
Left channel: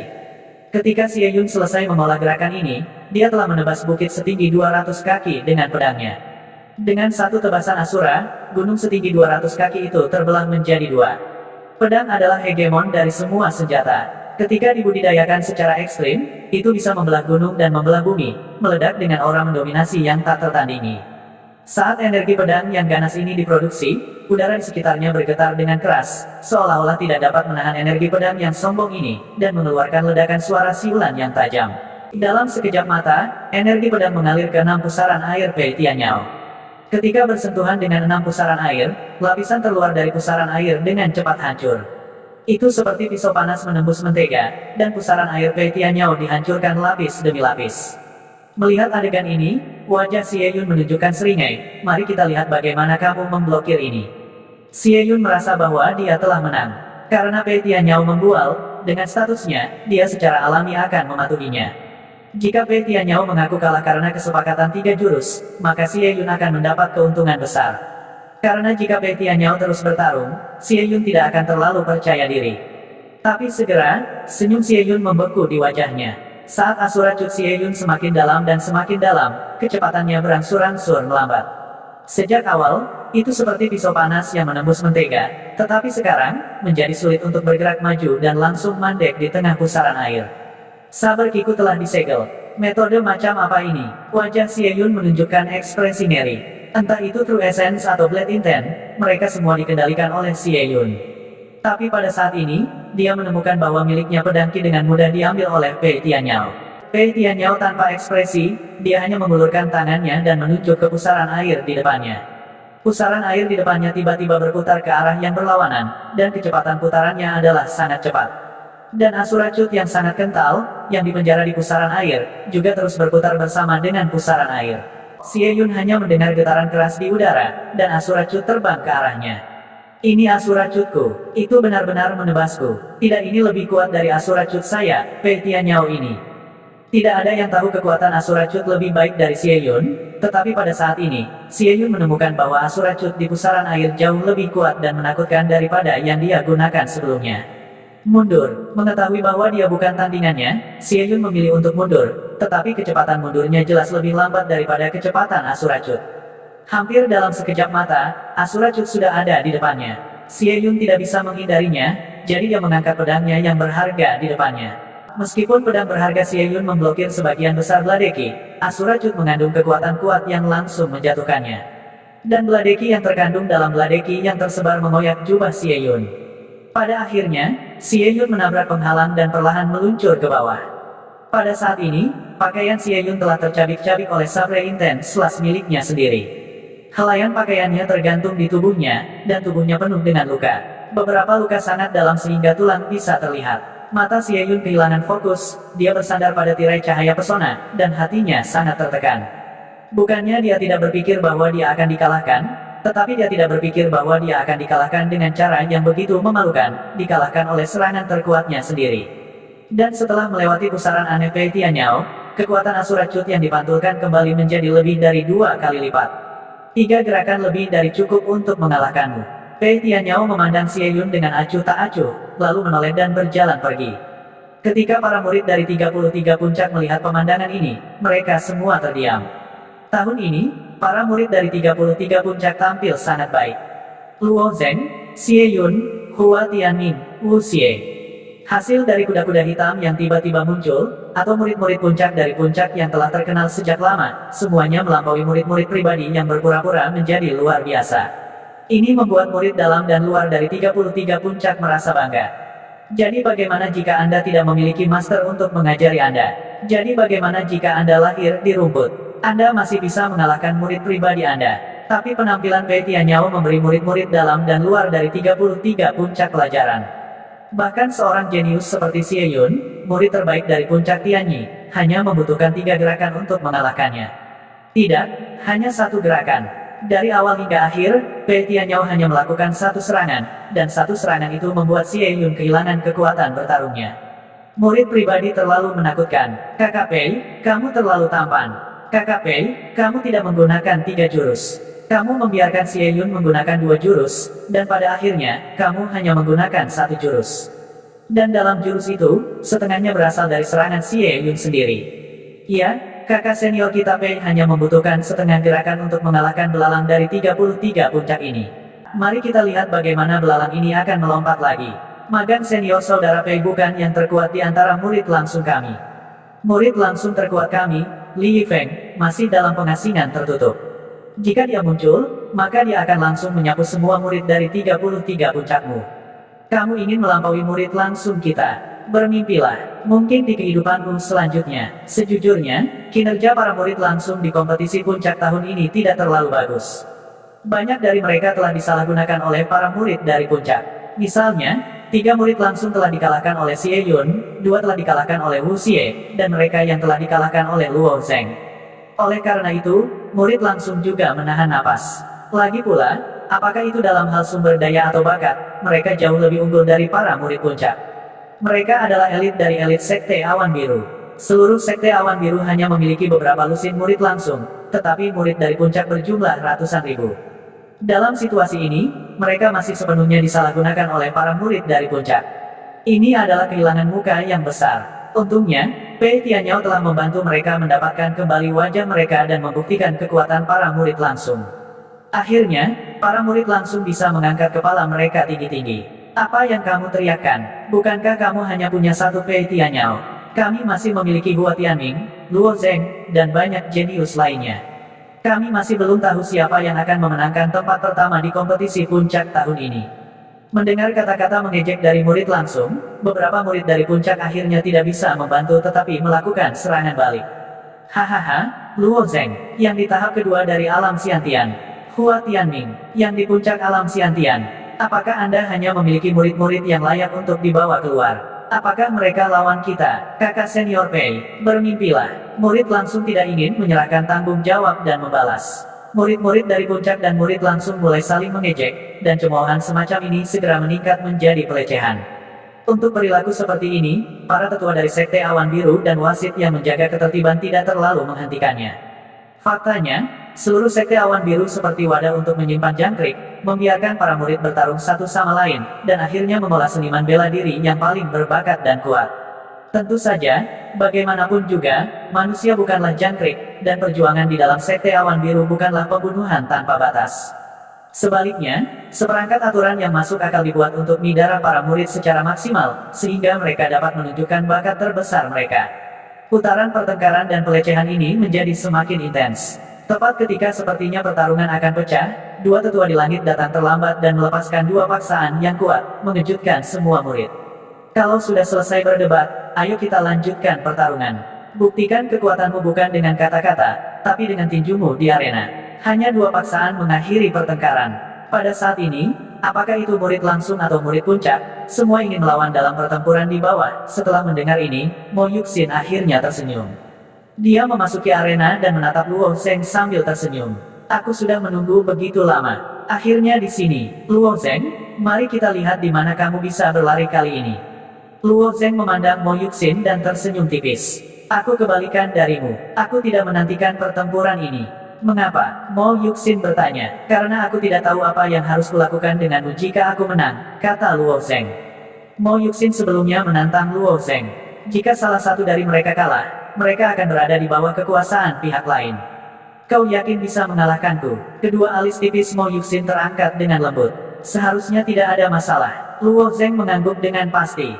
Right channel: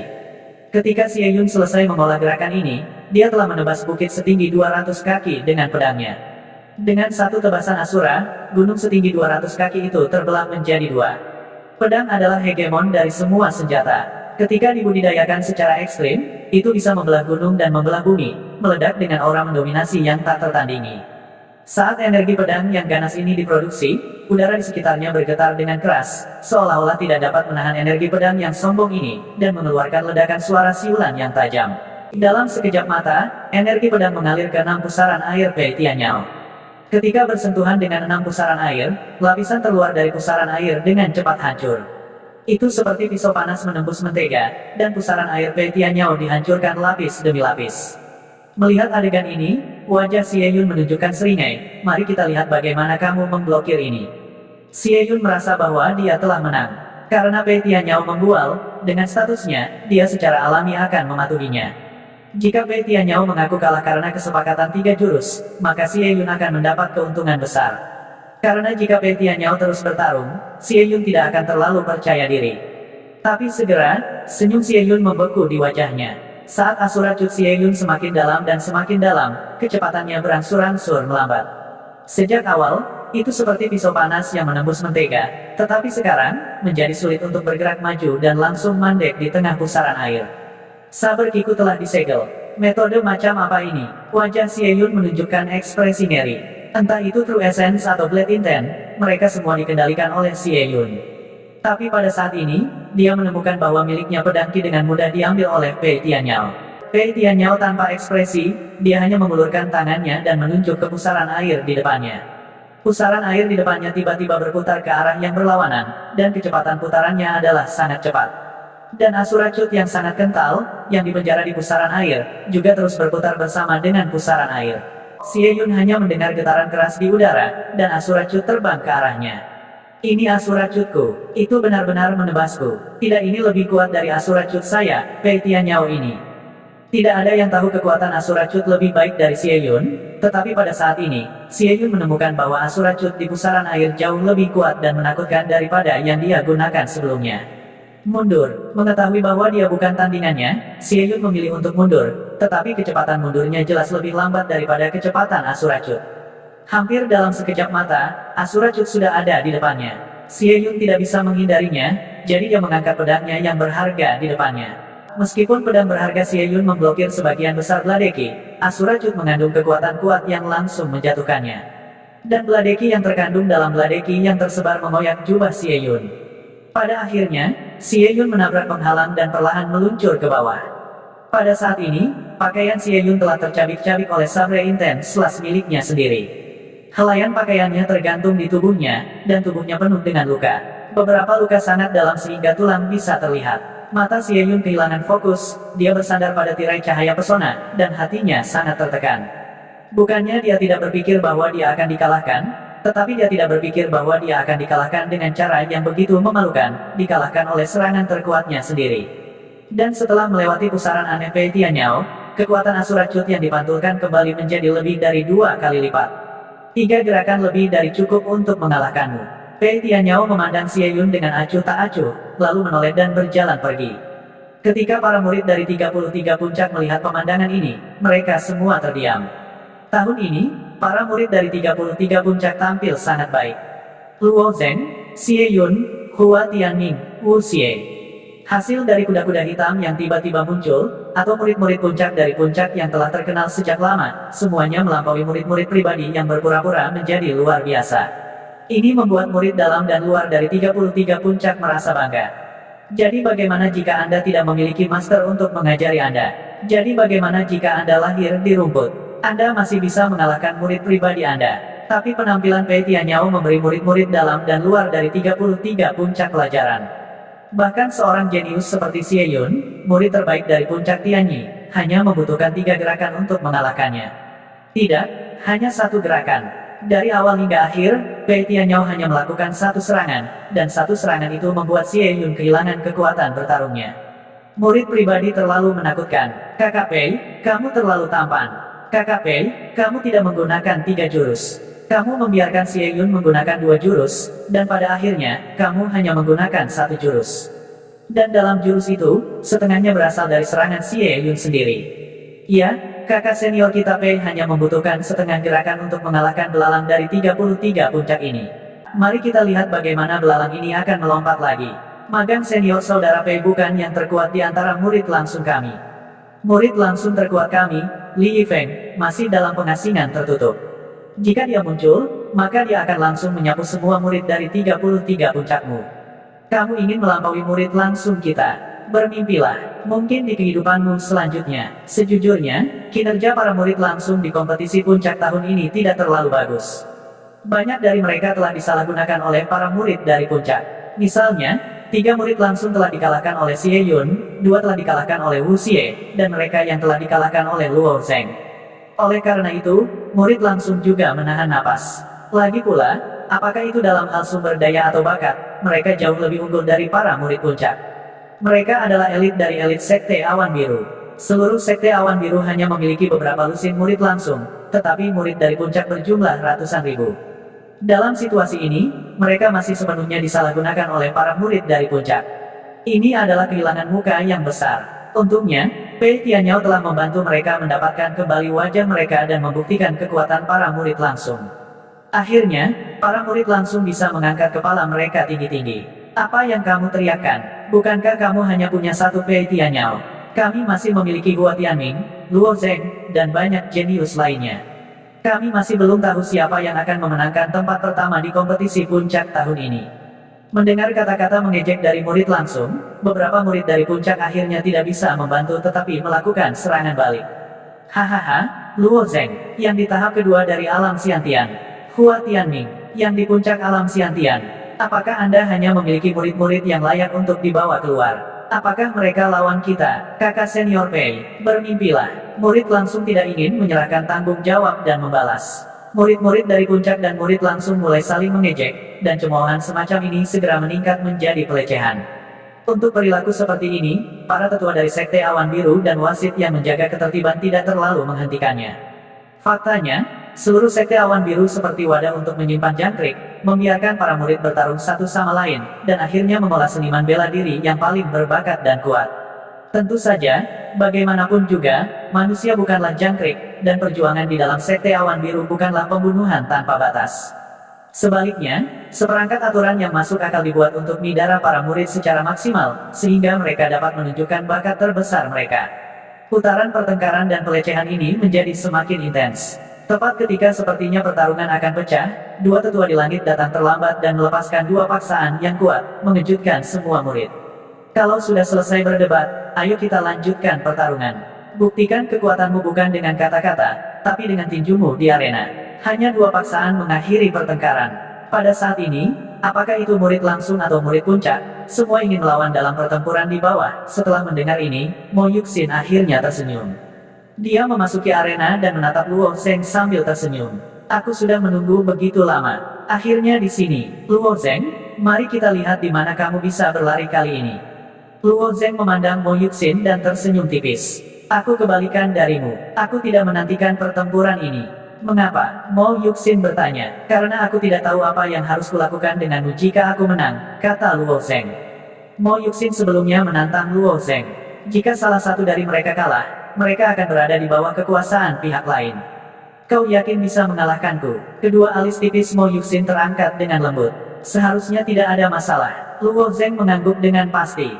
Ketika Xie Yun selesai mengolah gerakan ini, dia telah menebas bukit setinggi 200 kaki dengan pedangnya. Dengan satu tebasan Asura, gunung setinggi 200 kaki itu terbelah menjadi 2. Pedang adalah hegemon dari semua senjata. Ketika dibudidayakan secara ekstrim, itu bisa membelah gunung dan membelah bumi, meledak dengan aura mendominasi yang tak tertandingi. Saat energi pedang yang ganas ini diproduksi, udara di sekitarnya bergetar dengan keras, seolah-olah tidak dapat menahan energi pedang yang sombong ini, dan mengeluarkan ledakan suara siulan yang tajam. Dalam sekejap mata, energi pedang mengalir ke 6 pusaran air Pei Tianyao. Ketika bersentuhan dengan 6 pusaran air, lapisan terluar dari pusaran air dengan cepat hancur. Itu seperti pisau panas menembus mentega, dan pusaran air Pei Tianyao dihancurkan lapis demi lapis. Melihat adegan ini, wajah Xie Yun menunjukkan seringai. Mari kita lihat bagaimana kamu memblokir ini. Xie Yun merasa bahwa dia telah menang. Karena Pei Tianyao membual, dengan statusnya, dia secara alami akan mematuhinya. Jika Pei Tianyao mengaku kalah karena kesepakatan 3 jurus, maka Xie Yun akan mendapat keuntungan besar. Karena jika Pei Tianyao terus bertarung, Xie Yun tidak akan terlalu percaya diri. Tapi segera, senyum Xie Yun membeku di wajahnya. Saat Asura Cut Xie Yun semakin dalam dan semakin dalam, kecepatannya berangsur-angsur melambat. Sejak awal, itu seperti pisau panas yang menembus mentega, tetapi sekarang, menjadi sulit untuk bergerak maju dan langsung mandek di tengah pusaran air. Saber Kiku telah disegel. Metode macam apa ini? Wajah Xie Yun menunjukkan ekspresi ngeri. Entah itu True Essence atau Blade Intent, mereka semua dikendalikan oleh Xie Yun. Tapi pada saat ini, dia menemukan bahwa miliknya pedang Qi dengan mudah diambil oleh Pei Tianyao. Pei Tianyao tanpa ekspresi, dia hanya mengulurkan tangannya dan menunjuk ke pusaran air di depannya. Pusaran air di depannya tiba-tiba berputar ke arah yang berlawanan, dan kecepatan putarannya adalah sangat cepat. Dan Asura Cut yang sangat kental, yang dipenjara di pusaran air, juga terus berputar bersama dengan pusaran air. Xie Yun hanya mendengar getaran keras di udara, dan Asura Cut terbang ke arahnya. Ini Asura Cutku, itu benar-benar menebasku. Tidak, ini lebih kuat dari Asura Cut saya, Pei Tianyao ini. Tidak ada yang tahu kekuatan Asura Cut lebih baik dari Xie Yun, tetapi pada saat ini, Xie Yun menemukan bahwa Asura Cut di pusaran air jauh lebih kuat dan menakutkan daripada yang dia gunakan sebelumnya. Mundur, mengetahui bahwa dia bukan tandingannya, Xie Yun memilih untuk mundur, tetapi kecepatan mundurnya jelas lebih lambat daripada kecepatan Asura Cut. Hampir dalam sekejap mata, Asura Cut sudah ada di depannya. Xie Yun tidak bisa menghindarinya, jadi dia mengangkat pedangnya yang berharga di depannya. Meskipun pedang berharga Xie Yun memblokir sebagian besar Bladeki, Asura Cut mengandung kekuatan kuat yang langsung menjatuhkannya. Dan Bladeki yang terkandung dalam Bladeki yang tersebar mengoyak jubah Xie Yun. Pada akhirnya, Xie Yun menabrak penghalang dan perlahan meluncur ke bawah. Pada saat ini, pakaian Xie Yun telah tercabik-cabik oleh sabre intens slash miliknya sendiri. Helaian pakaiannya tergantung di tubuhnya, dan tubuhnya penuh dengan luka. Beberapa luka sangat dalam sehingga tulang bisa terlihat. Mata Xie Yun kehilangan fokus, dia bersandar pada tirai cahaya pesona, dan hatinya sangat tertekan. Bukannya dia tidak berpikir bahwa dia akan dikalahkan, tetapi dia tidak berpikir bahwa dia akan dikalahkan dengan cara yang begitu memalukan, dikalahkan oleh serangan terkuatnya sendiri. Dan setelah melewati pusaran aneh Pei Tianyao, kekuatan Asura Cut yang dipantulkan kembali menjadi lebih dari 2 kali lipat. 3 gerakan lebih dari cukup untuk mengalahkanmu. Pei Tianyao memandang Xie Yun dengan acuh tak acuh, lalu menoleh dan berjalan pergi. Ketika para murid dari 33 puncak melihat pemandangan ini, mereka semua terdiam. Tahun ini, para murid dari 33 puncak tampil sangat baik. Luo Zheng, Xie Yun, Hua Tianming, Wu Xie. Hasil dari kuda-kuda hitam yang tiba-tiba muncul, atau murid-murid puncak dari puncak yang telah terkenal sejak lama, semuanya melampaui murid-murid pribadi yang berpura-pura menjadi luar biasa. Ini membuat murid dalam dan luar dari 33 puncak merasa bangga. Jadi bagaimana jika Anda tidak memiliki master untuk mengajari Anda? Jadi bagaimana jika Anda lahir di rumput? Anda masih bisa mengalahkan murid pribadi Anda. Tapi penampilan Pei Tianyao memberi murid-murid dalam dan luar dari 33 puncak pelajaran. Bahkan seorang jenius seperti Xie Yun, murid terbaik dari puncak Tianyi, hanya membutuhkan 3 gerakan untuk mengalahkannya. Tidak, hanya 1 gerakan. Dari awal hingga akhir, Pei Tianyao hanya melakukan 1 serangan, dan 1 serangan itu membuat Xie Yun kehilangan kekuatan bertarungnya. Murid pribadi terlalu menakutkan. Kakak Pei, kamu terlalu tampan. Kakak Pei, kamu tidak menggunakan 3 jurus. Kamu membiarkan Xie Yun menggunakan 2 jurus, dan pada akhirnya, kamu hanya menggunakan 1 jurus. Dan dalam jurus itu, setengahnya berasal dari serangan Xie Yun sendiri. Iya, kakak senior kita Pei hanya membutuhkan setengah gerakan untuk mengalahkan belalang dari 33 puncak ini. Mari kita lihat bagaimana belalang ini akan melompat lagi. Magang senior saudara Pei bukan yang terkuat di antara murid langsung kami. Murid langsung terkuat kami, Li Yifeng, masih dalam pengasingan tertutup. Jika dia muncul, maka dia akan langsung menyapu semua murid dari 33 puncakmu. Kamu ingin melampaui murid langsung kita. Bermimpilah, mungkin di kehidupanmu selanjutnya. Sejujurnya, kinerja para murid langsung di kompetisi puncak tahun ini tidak terlalu bagus. Banyak dari mereka telah disalahgunakan oleh para murid dari puncak. Misalnya, 3 murid langsung telah dikalahkan oleh Xie Yun, 2 telah dikalahkan oleh Wu Xie, dan mereka yang telah dikalahkan oleh Luo Zheng. Oleh karena itu, murid langsung juga menahan napas. Lagi pula, apakah itu dalam hal sumber daya atau bakat, mereka jauh lebih unggul dari para murid puncak. Mereka adalah elit dari elit Sekte Awan Biru. Seluruh Sekte Awan Biru hanya memiliki beberapa lusin murid langsung, tetapi murid dari puncak berjumlah ratusan ribu. Dalam situasi ini, mereka masih sepenuhnya disalahgunakan oleh para murid dari puncak. Ini adalah kehilangan muka yang besar. Untungnya, Pei Tianyao telah membantu mereka mendapatkan kembali wajah mereka dan membuktikan kekuatan para murid langsung. Akhirnya, para murid langsung bisa mengangkat kepala mereka tinggi-tinggi. Apa yang kamu teriakkan? Bukankah kamu hanya punya satu Pei Tianyao? Kami masih memiliki Hua Tianming, Luo Zheng, dan banyak jenius lainnya. Kami masih belum tahu siapa yang akan memenangkan tempat pertama di kompetisi puncak tahun ini. Mendengar kata-kata mengejek dari murid langsung, beberapa murid dari puncak akhirnya tidak bisa membantu tetapi melakukan serangan balik. Hahaha, Luo Zheng, yang di tahap kedua dari alam Xiantian. Hua Tianming, yang di puncak alam Xiantian. Apakah Anda hanya memiliki murid-murid yang layak untuk dibawa keluar? Apakah mereka lawan kita, kakak senior Pei? Bermimpilah. Murid langsung tidak ingin menyerahkan tanggung jawab dan membalas. Murid-murid dari puncak dan murid langsung mulai saling mengejek, dan cemoohan semacam ini segera meningkat menjadi pelecehan. Untuk perilaku seperti ini, para tetua dari Sekte Awan Biru dan wasit yang menjaga ketertiban tidak terlalu menghentikannya. Faktanya, seluruh Sekte Awan Biru seperti wadah untuk menyimpan jangkrik, membiarkan para murid bertarung satu sama lain, dan akhirnya mengolah seniman bela diri yang paling berbakat dan kuat. Tentu saja, bagaimanapun juga, manusia bukanlah jangkrik, dan perjuangan di dalam Sekte Awan Biru bukanlah pembunuhan tanpa batas. Sebaliknya, seperangkat aturan yang masuk akal dibuat untuk midarah para murid secara maksimal, sehingga mereka dapat menunjukkan bakat terbesar mereka. Putaran pertengkaran dan pelecehan ini menjadi semakin intens. Tepat ketika sepertinya pertarungan akan pecah, dua tetua di langit datang terlambat dan melepaskan dua paksaan yang kuat, mengejutkan semua murid. Kalau sudah selesai berdebat, ayo kita lanjutkan pertarungan. Buktikan kekuatanmu bukan dengan kata-kata, tapi dengan tinjumu di arena. Hanya dua paksaan mengakhiri pertengkaran. Pada saat ini, apakah itu murid langsung atau murid puncak, semua ingin melawan dalam pertempuran di bawah. Setelah mendengar ini, Mo Yuxin akhirnya tersenyum. Dia memasuki arena dan menatap Luo Zheng sambil tersenyum. Aku sudah menunggu begitu lama. Akhirnya di sini, Luo Zheng, mari kita lihat di mana kamu bisa berlari kali ini. Luo Zheng memandang Mo Yuxin dan tersenyum tipis. Aku kebalikan darimu. Aku tidak menantikan pertempuran ini. Mengapa? Mo Yuxin bertanya. Karena aku tidak tahu apa yang harus kulakukan denganmu jika aku menang, kata Luo Zheng. Mo Yuxin sebelumnya menantang Luo Zheng. Jika salah satu dari mereka kalah, mereka akan berada di bawah kekuasaan pihak lain. Kau yakin bisa mengalahkanku? Kedua alis tipis Mo Yuxin terangkat dengan lembut. Seharusnya tidak ada masalah. Luo Zheng mengangguk dengan pasti.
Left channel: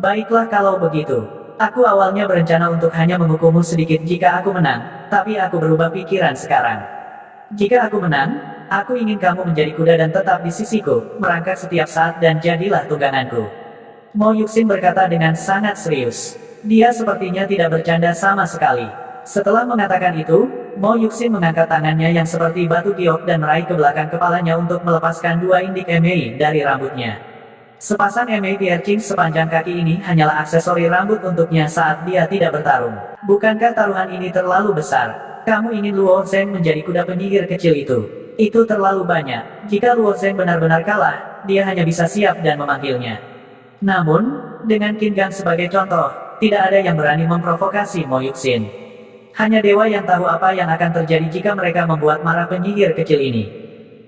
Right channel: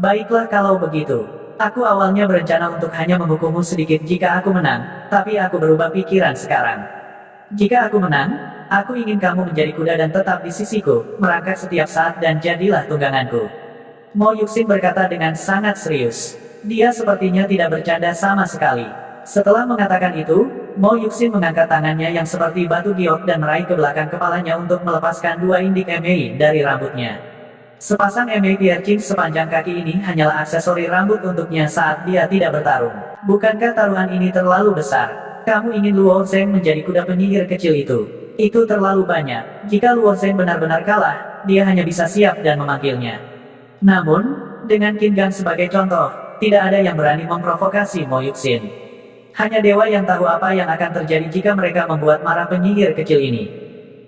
Baiklah kalau begitu. Aku awalnya berencana untuk hanya menghukummu sedikit jika aku menang, tapi aku berubah pikiran sekarang. Jika aku menang, aku ingin kamu menjadi kuda dan tetap di sisiku, merangkak setiap saat dan jadilah tungganganku. Mo Yuxin berkata dengan sangat serius. Dia sepertinya tidak bercanda sama sekali. Setelah mengatakan itu, Mo Yuxin mengangkat tangannya yang seperti batu giok dan meraih ke belakang kepalanya untuk melepaskan dua indik emei dari rambutnya. Sepasang emei piercing sepanjang kaki ini hanyalah aksesori rambut untuknya saat dia tidak bertarung. Bukankah taruhan ini terlalu besar? Kamu ingin Luo Zheng menjadi kuda penyihir kecil itu? Itu terlalu banyak. Jika Luo Zheng benar-benar kalah, dia hanya bisa siap dan memanggilnya. Namun, dengan Qin Gang sebagai contoh, tidak ada yang berani memprovokasi Mo Yuxin. Hanya dewa yang tahu apa yang akan terjadi jika mereka membuat marah penyihir kecil ini.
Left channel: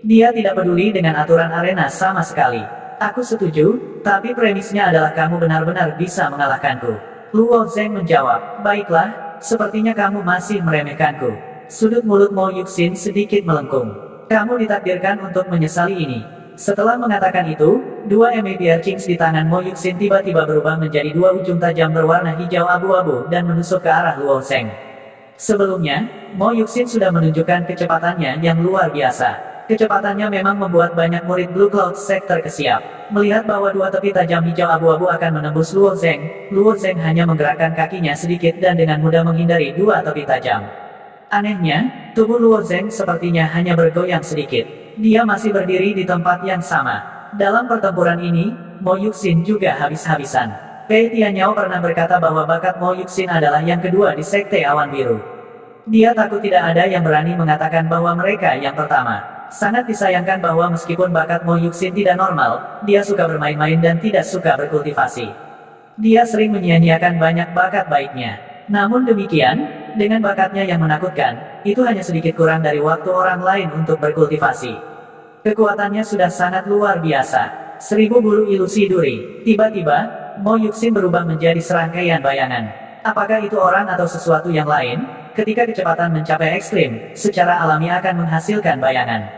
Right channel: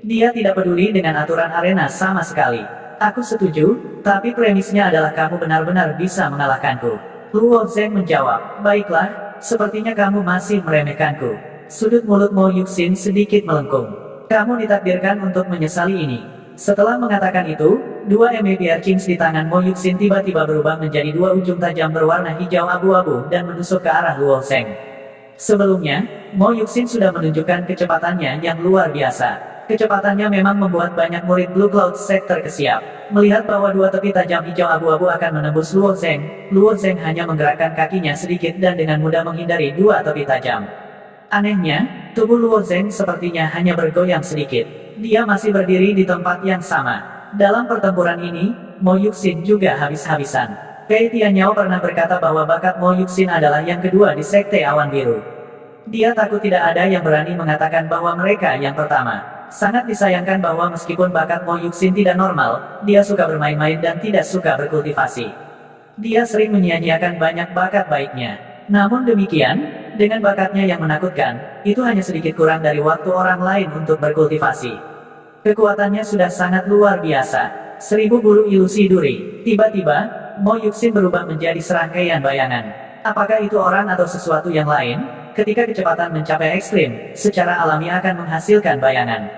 Dia tidak peduli dengan aturan arena sama sekali. Aku setuju, tapi premisnya adalah kamu benar-benar bisa mengalahkanku. Luo Zheng menjawab, baiklah, sepertinya kamu masih meremehkanku. Sudut mulut Mo Yuxin sedikit melengkung. Kamu ditakdirkan untuk menyesali ini. Setelah mengatakan itu, dua emei piercings di tangan Mo Yuxin tiba-tiba berubah menjadi dua ujung tajam berwarna hijau abu-abu dan menusuk ke arah Luo Zheng. Sebelumnya, Mo Yuxin sudah menunjukkan kecepatannya yang luar biasa. Kecepatannya memang membuat banyak murid Blue Cloud Sect terkesiap. Melihat bahwa dua tepi tajam hijau abu-abu akan menembus Luo Zheng hanya menggerakkan kakinya sedikit dan dengan mudah menghindari dua tepi tajam. Anehnya, tubuh Luo Zheng sepertinya hanya bergoyang sedikit. Dia masih berdiri di tempat yang sama. Dalam pertempuran ini, Mo Yuxin juga habis-habisan. Pei Tianyao pernah berkata bahwa bakat Mo Yuxin adalah yang kedua di Sekte Awan Biru. Dia takut tidak ada yang berani mengatakan bahwa mereka yang pertama. Sangat disayangkan bahwa meskipun bakat Mo Yuxin tidak normal, dia suka bermain-main dan tidak suka berkultivasi. Dia sering menyia-nyiakan banyak bakat baiknya. Namun demikian, dengan bakatnya yang menakutkan, itu hanya sedikit kurang dari waktu orang lain untuk berkultivasi. Kekuatannya sudah sangat luar biasa. 1000 bulu ilusi duri. Tiba-tiba, Mo Yuxin berubah menjadi serangkaian bayangan. Apakah itu orang atau sesuatu yang lain? Ketika kecepatan mencapai ekstrim, secara alami akan menghasilkan bayangan.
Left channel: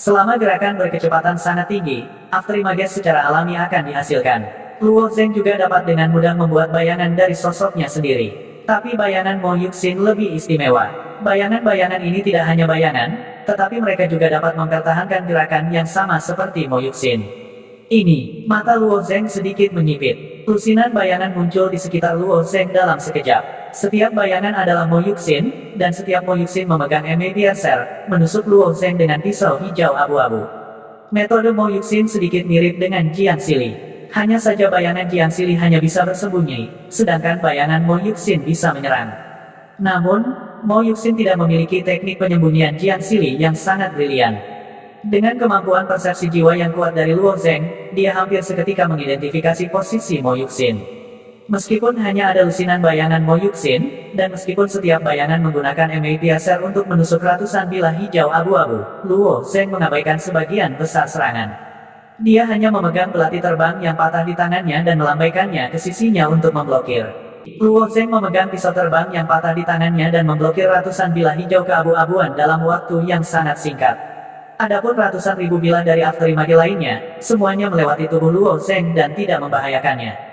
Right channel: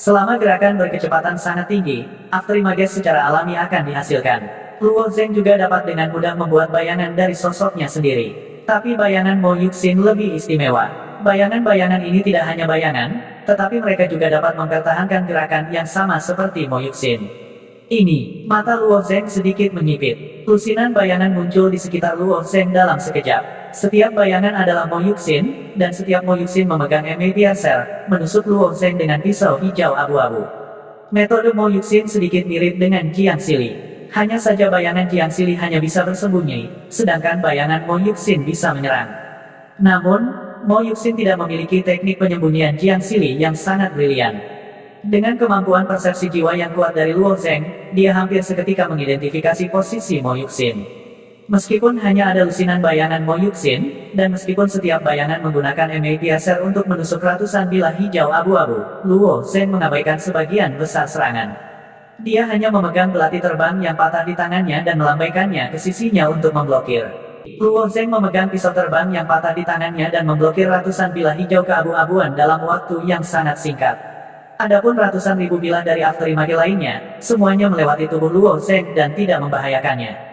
Selama gerakan berkecepatan sangat tinggi, afterimages secara alami akan dihasilkan. Luo Zeng juga dapat dengan mudah membuat bayangan dari sosoknya sendiri. Tapi bayangan Mo Yuxin lebih istimewa. Bayangan-bayangan ini tidak hanya bayangan, tetapi mereka juga dapat mempertahankan gerakan yang sama seperti Mo Yuxin. Ini, mata Luo Zeng sedikit menyipit. Lusinan bayangan muncul di sekitar Luo Zeng dalam sekejap. Setiap bayangan adalah Mo Yuxin, dan setiap Mo Yuxin memegang Eme Piercer, menusuk Luo Zeng dengan pisau hijau abu-abu. Metode Mo Yuxin sedikit mirip dengan Jiang Sili. Hanya saja bayangan Jiang Sili hanya bisa bersembunyi, sedangkan bayangan Mo Yuxin bisa menyerang. Namun, Mo Yuxin tidak memiliki teknik penyembunyian Jiang Sili yang sangat brilian. Dengan kemampuan persepsi jiwa yang kuat dari Luo Zeng, dia hampir seketika mengidentifikasi posisi Mo Yuxin. Meskipun hanya ada lusinan bayangan Mo Yuxin, dan meskipun setiap bayangan menggunakan Eme Piercer untuk menusuk ratusan bilah hijau abu-abu, Luo Zeng mengabaikan sebagian besar serangan. Dia hanya memegang belati terbang yang patah di tangannya dan melambaikannya ke sisinya untuk memblokir. Luo Zeng memegang pisau terbang yang patah di tangannya dan memblokir ratusan bilah hijau keabu-abuan dalam waktu yang sangat singkat. Adapun ratusan ribu bilah dari afterimage lainnya, semuanya melewati tubuh Luo Zeng dan tidak membahayakannya.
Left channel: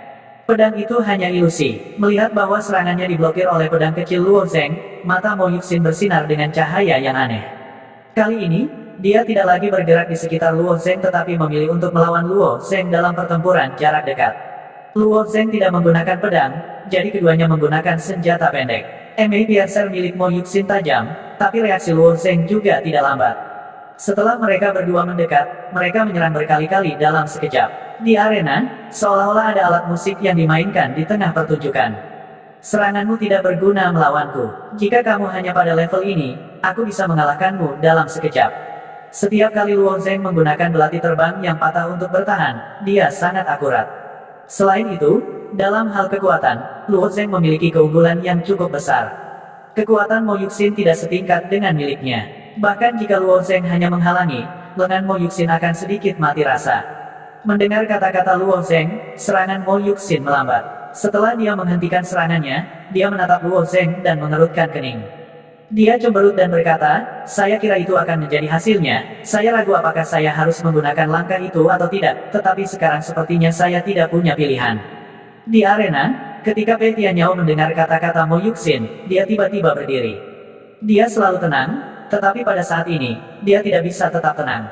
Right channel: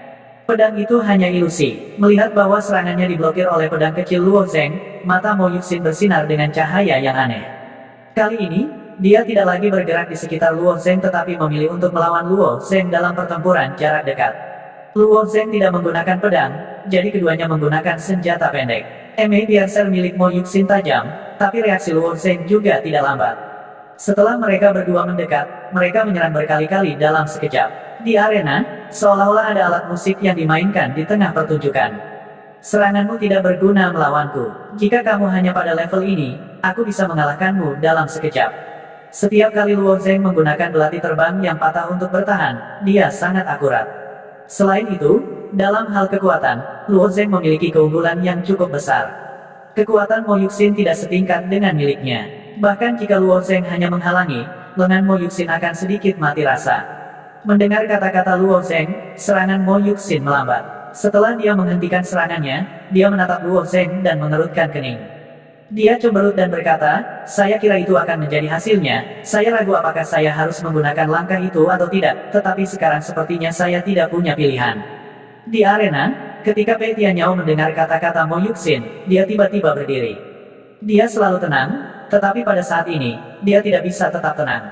Pedang itu hanya ilusi. Melihat bahwa serangannya diblokir oleh pedang kecil Luo Zeng, mata Mo Yuxin bersinar dengan cahaya yang aneh. Kali ini, dia tidak lagi bergerak di sekitar Luo Zeng tetapi memilih untuk melawan Luo Zeng dalam pertempuran jarak dekat. Luo Zeng tidak menggunakan pedang, jadi keduanya menggunakan senjata pendek. Eme Piercer milik Mo Yuxin tajam, tapi reaksi Luo Zeng juga tidak lambat. Setelah mereka berdua mendekat, mereka menyerang berkali-kali dalam sekejap. Di arena, seolah-olah ada alat musik yang dimainkan di tengah pertunjukan. Seranganmu tidak berguna melawanku. Jika kamu hanya pada level ini, aku bisa mengalahkanmu dalam sekejap. Setiap kali Luo Zeng menggunakan belati terbang yang patah untuk bertahan, dia sangat akurat. Selain itu, dalam hal kekuatan, Luo Zeng memiliki keunggulan yang cukup besar. Kekuatan Mo Yuxin tidak setingkat dengan miliknya. Bahkan jika Luo Zeng hanya menghalangi, lengan Mo Yuxin akan sedikit mati rasa. Mendengar kata-kata Luo Zeng, serangan Mo Yuxin melambat. Setelah dia menghentikan serangannya, dia menatap Luo Zeng dan mengerutkan kening. Dia cemberut dan berkata, saya kira itu akan menjadi hasilnya, saya ragu apakah saya harus menggunakan langkah itu atau tidak, tetapi sekarang sepertinya saya tidak punya pilihan. Di arena, ketika Pei Tianyao mendengar kata-kata Mo Yuxin, dia tiba-tiba berdiri. Dia selalu tenang, tetapi pada saat ini, dia tidak bisa tetap tenang.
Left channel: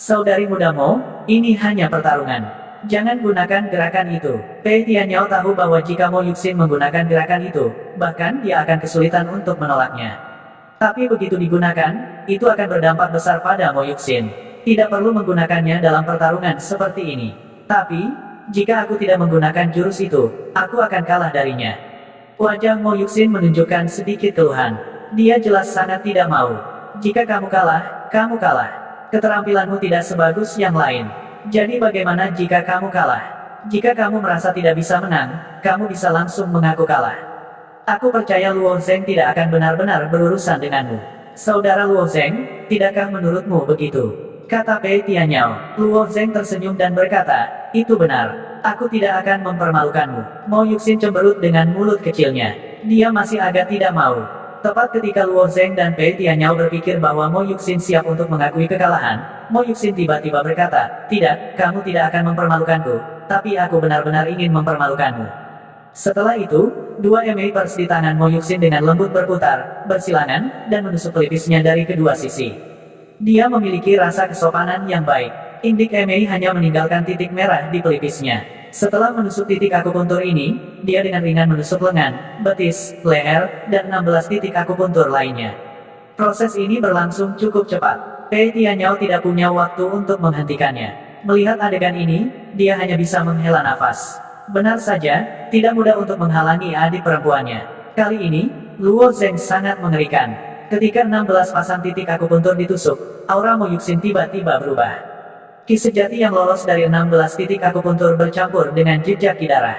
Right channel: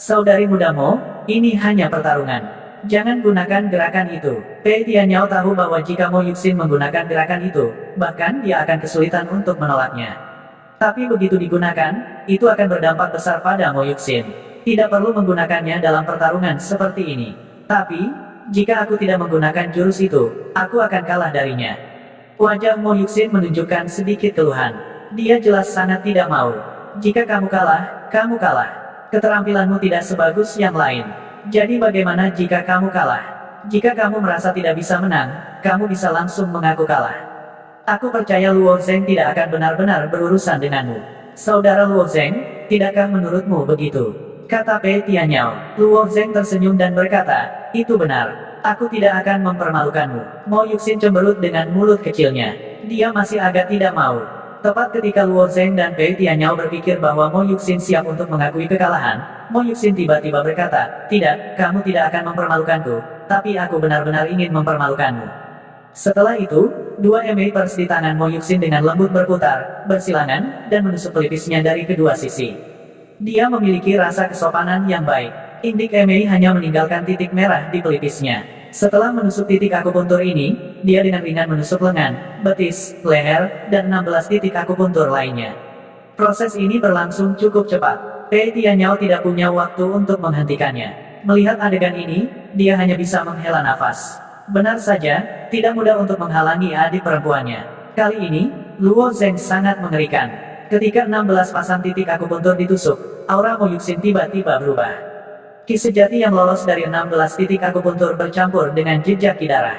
Saudari muda Mo, ini hanya pertarungan. Jangan gunakan gerakan itu. Pei Tianyao tahu bahwa jika Mo Yuxin menggunakan gerakan itu, bahkan dia akan kesulitan untuk menolaknya. Tapi begitu digunakan, itu akan berdampak besar pada Mo Yuxin. Tidak perlu menggunakannya dalam pertarungan seperti ini. Tapi, jika aku tidak menggunakan jurus itu, aku akan kalah darinya. Wajah Mo Yuxin menunjukkan sedikit keluhan. Dia jelas sangat tidak mau. Jika kamu kalah, kamu kalah. Keterampilanmu tidak sebagus yang lain. Jadi bagaimana jika kamu kalah? Jika kamu merasa tidak bisa menang, kamu bisa langsung mengaku kalah. Aku percaya Luo Zeng tidak akan benar-benar berurusan denganmu. Saudara Luo Zeng, tidakkah menurutmu begitu? Kata Pei Tianyao. Luo Zeng tersenyum dan berkata, itu benar. Aku tidak akan mempermalukanmu. Mo Yuxin cemberut dengan mulut kecilnya. Dia masih agak tidak mau. Tepat ketika Luo Zeng dan Pei Tianyao berpikir bahwa Mo Yuxin siap untuk mengakui kekalahan, Mo Yuxin tiba-tiba berkata, tidak, kamu tidak akan mempermalukanku, tapi aku benar-benar ingin mempermalukanmu. Setelah itu, dua Eme Pers di tangan Mo Yuxin dengan lembut berputar, bersilangan, dan menusuk pelipisnya dari kedua sisi. Dia memiliki rasa kesopanan yang baik. Indik Eme hanya meninggalkan titik merah di pelipisnya. Setelah menusuk titik akupuntur ini, dia dengan ringan menusuk lengan, betis, leher, dan 16 titik akupuntur lainnya. Proses ini berlangsung cukup cepat. Pei Tianyao tidak punya waktu untuk menghentikannya. Melihat adegan ini, dia hanya bisa menghela nafas. Benar saja, tidak mudah untuk menghalangi adik perempuannya. Kali ini, Luo Zeng sangat mengerikan. Ketika 16 pasang titik akupuntur ditusuk, aura Mo Yuxin tiba-tiba berubah. Ki sejati yang lolos dari 16 titik akupuntur bercampur dengan jejak ki darah.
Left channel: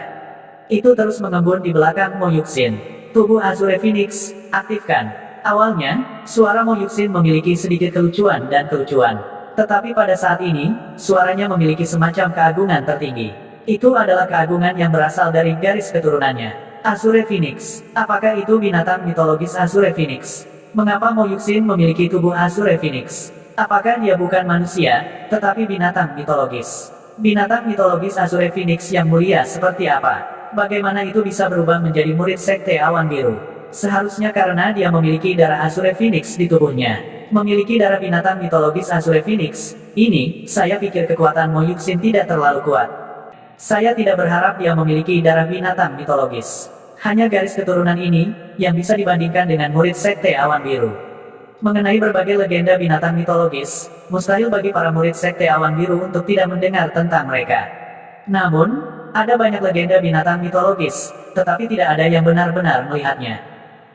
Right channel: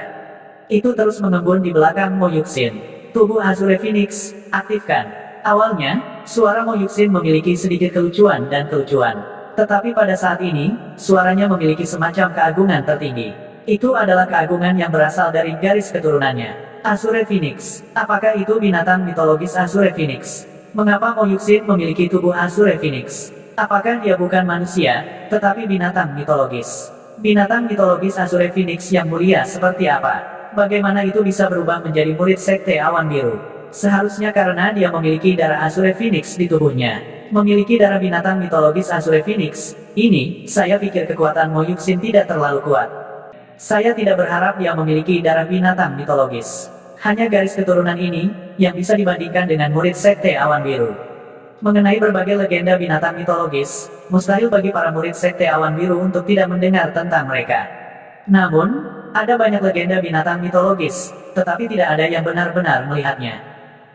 Itu terus mengembun di belakang Mo Yuxin. Tubuh Azure Phoenix, aktifkan. Awalnya, suara Mo Yuxin memiliki sedikit kelucuan dan kelucuan. Tetapi pada saat ini, suaranya memiliki semacam keagungan tertinggi. Itu adalah keagungan yang berasal dari garis keturunannya. Azure Phoenix. Apakah itu binatang mitologis Azure Phoenix? Mengapa Mo Yuxin memiliki tubuh Azure Phoenix? Apakah dia bukan manusia, tetapi binatang mitologis? Binatang mitologis Azure Phoenix yang mulia seperti apa? Bagaimana itu bisa berubah menjadi murid Sekte Awan Biru? Seharusnya karena dia memiliki darah Azure Phoenix di tubuhnya. Memiliki darah binatang mitologis Azure Phoenix, ini, saya pikir kekuatan Mo Yuxin tidak terlalu kuat. Saya tidak berharap dia memiliki darah binatang mitologis. Hanya garis keturunan ini, yang bisa dibandingkan dengan murid Sekte Awan Biru. Mengenai berbagai legenda binatang mitologis, mustahil bagi para murid Sekte Awan Biru untuk tidak mendengar tentang mereka. Namun, ada banyak legenda binatang mitologis, tetapi tidak ada yang benar-benar melihatnya.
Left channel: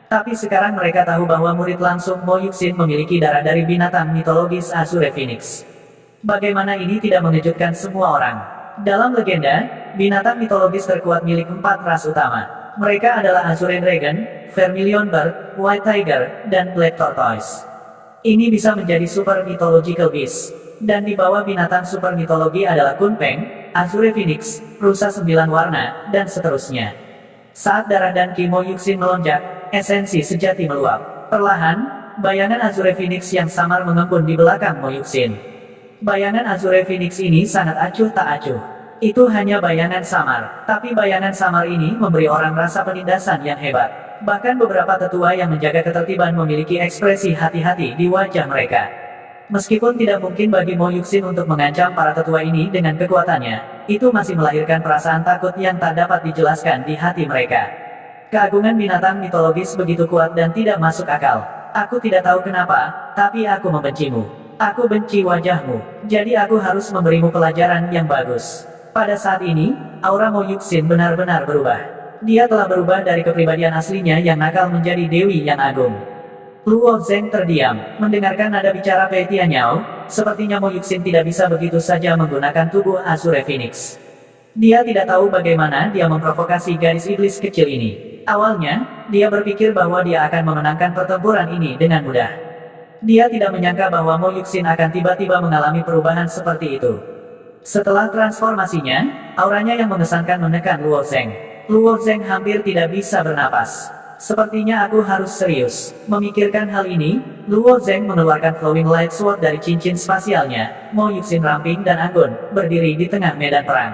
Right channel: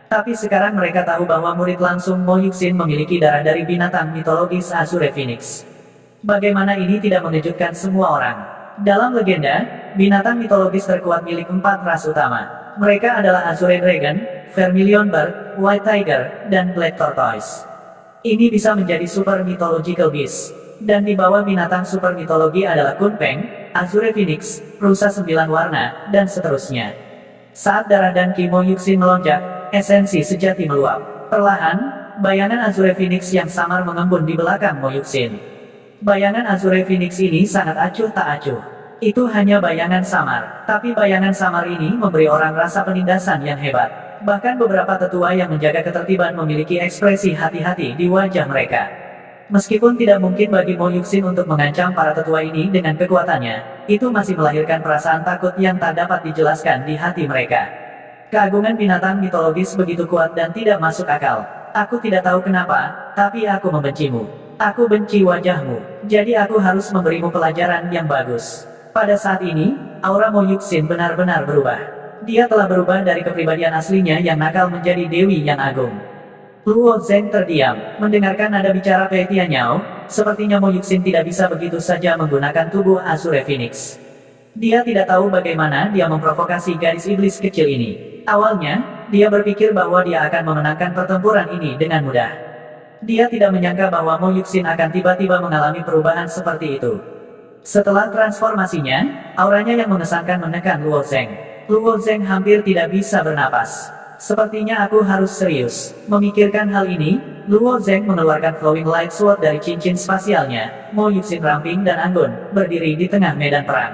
Tapi sekarang mereka tahu bahwa murid langsung Mo Yuxin memiliki darah dari binatang mitologis Azure Phoenix. Bagaimana ini tidak mengejutkan semua orang? Dalam legenda, binatang mitologis terkuat milik 4 ras utama. Mereka adalah Azure Dragon, Vermilion Bird, White Tiger, dan Black Tortoise. Ini bisa menjadi super mythological beast. Dan di bawah binatang super mitologi adalah Kunpeng, Azure Phoenix, rusa 9 warna, dan seterusnya. Saat darah dan ki Mo Yuxin melonjak, esensi sejati meluap. Perlahan, bayangan Azure Phoenix yang samar mengembun di belakang Mo Yuxin. Bayangan Azure Phoenix ini sangat acuh tak acuh. Itu hanya bayangan samar, tapi bayangan samar ini memberi orang rasa penindasan yang hebat. Bahkan beberapa tetua yang menjaga ketertiban memiliki ekspresi hati-hati di wajah mereka. Meskipun tidak mungkin bagi Mo Yuxin untuk mengancam para tetua ini dengan kekuatannya, itu masih melahirkan perasaan takut yang tak dapat dijelaskan di hati mereka. Keagungan binatang mitologis begitu kuat dan tidak masuk akal. Aku tidak tahu kenapa, tapi aku membencimu. Aku benci wajahmu, jadi aku harus memberimu pelajaran yang bagus. Pada saat ini, aura Mo Yuxin benar-benar berubah. Dia telah berubah dari kepribadian aslinya yang nakal menjadi dewi yang agung. Luo Zeng terdiam, mendengarkan nada bicara Pei Tianyao, sepertinya Mo Yuxin tidak bisa begitu saja menggunakan tubuh Azure Phoenix. Dia tidak tahu bagaimana dia memprovokasi gadis iblis kecil ini. Awalnya, dia berpikir bahwa dia akan memenangkan pertempuran ini dengan mudah. Dia tidak menyangka bahwa Mo Yuxin akan tiba-tiba mengalami perubahan seperti itu. Setelah transformasinya, auranya yang mengesankan menekan Luo Zeng. Luo Zeng hampir tidak bisa bernapas. Sepertinya aku harus serius. Memikirkan hal ini, Luo Zeng mengeluarkan Flowing Light Sword dari cincin spasialnya. Mo Yuxin ramping dan anggun, berdiri di tengah medan perang.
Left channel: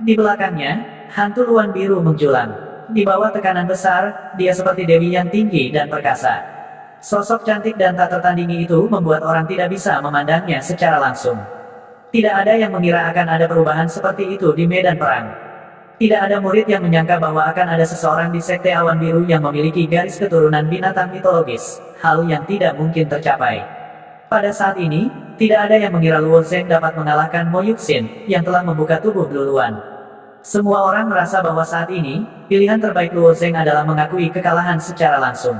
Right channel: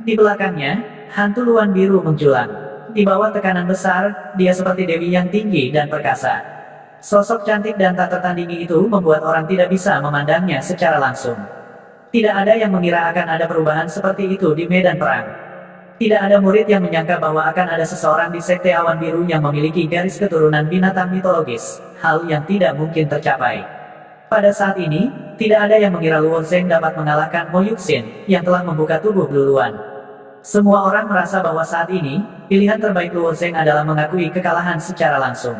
Di belakangnya, hantu Luan Biru menjulang. Di bawah tekanan besar, dia seperti dewi yang tinggi dan perkasa. Sosok cantik dan tak tertandingi itu membuat orang tidak bisa memandangnya secara langsung. Tidak ada yang mengira akan ada perubahan seperti itu di medan perang. Tidak ada murid yang menyangka bahwa akan ada seseorang di Sekte Awan Biru yang memiliki garis keturunan binatang mitologis, hal yang tidak mungkin tercapai. Pada saat ini, tidak ada yang mengira Luo Zeng dapat mengalahkan Mo Yuxin, yang telah membuka tubuh Blue Luan. Semua orang merasa bahwa saat ini, pilihan terbaik Luo Zeng adalah mengakui kekalahan secara langsung.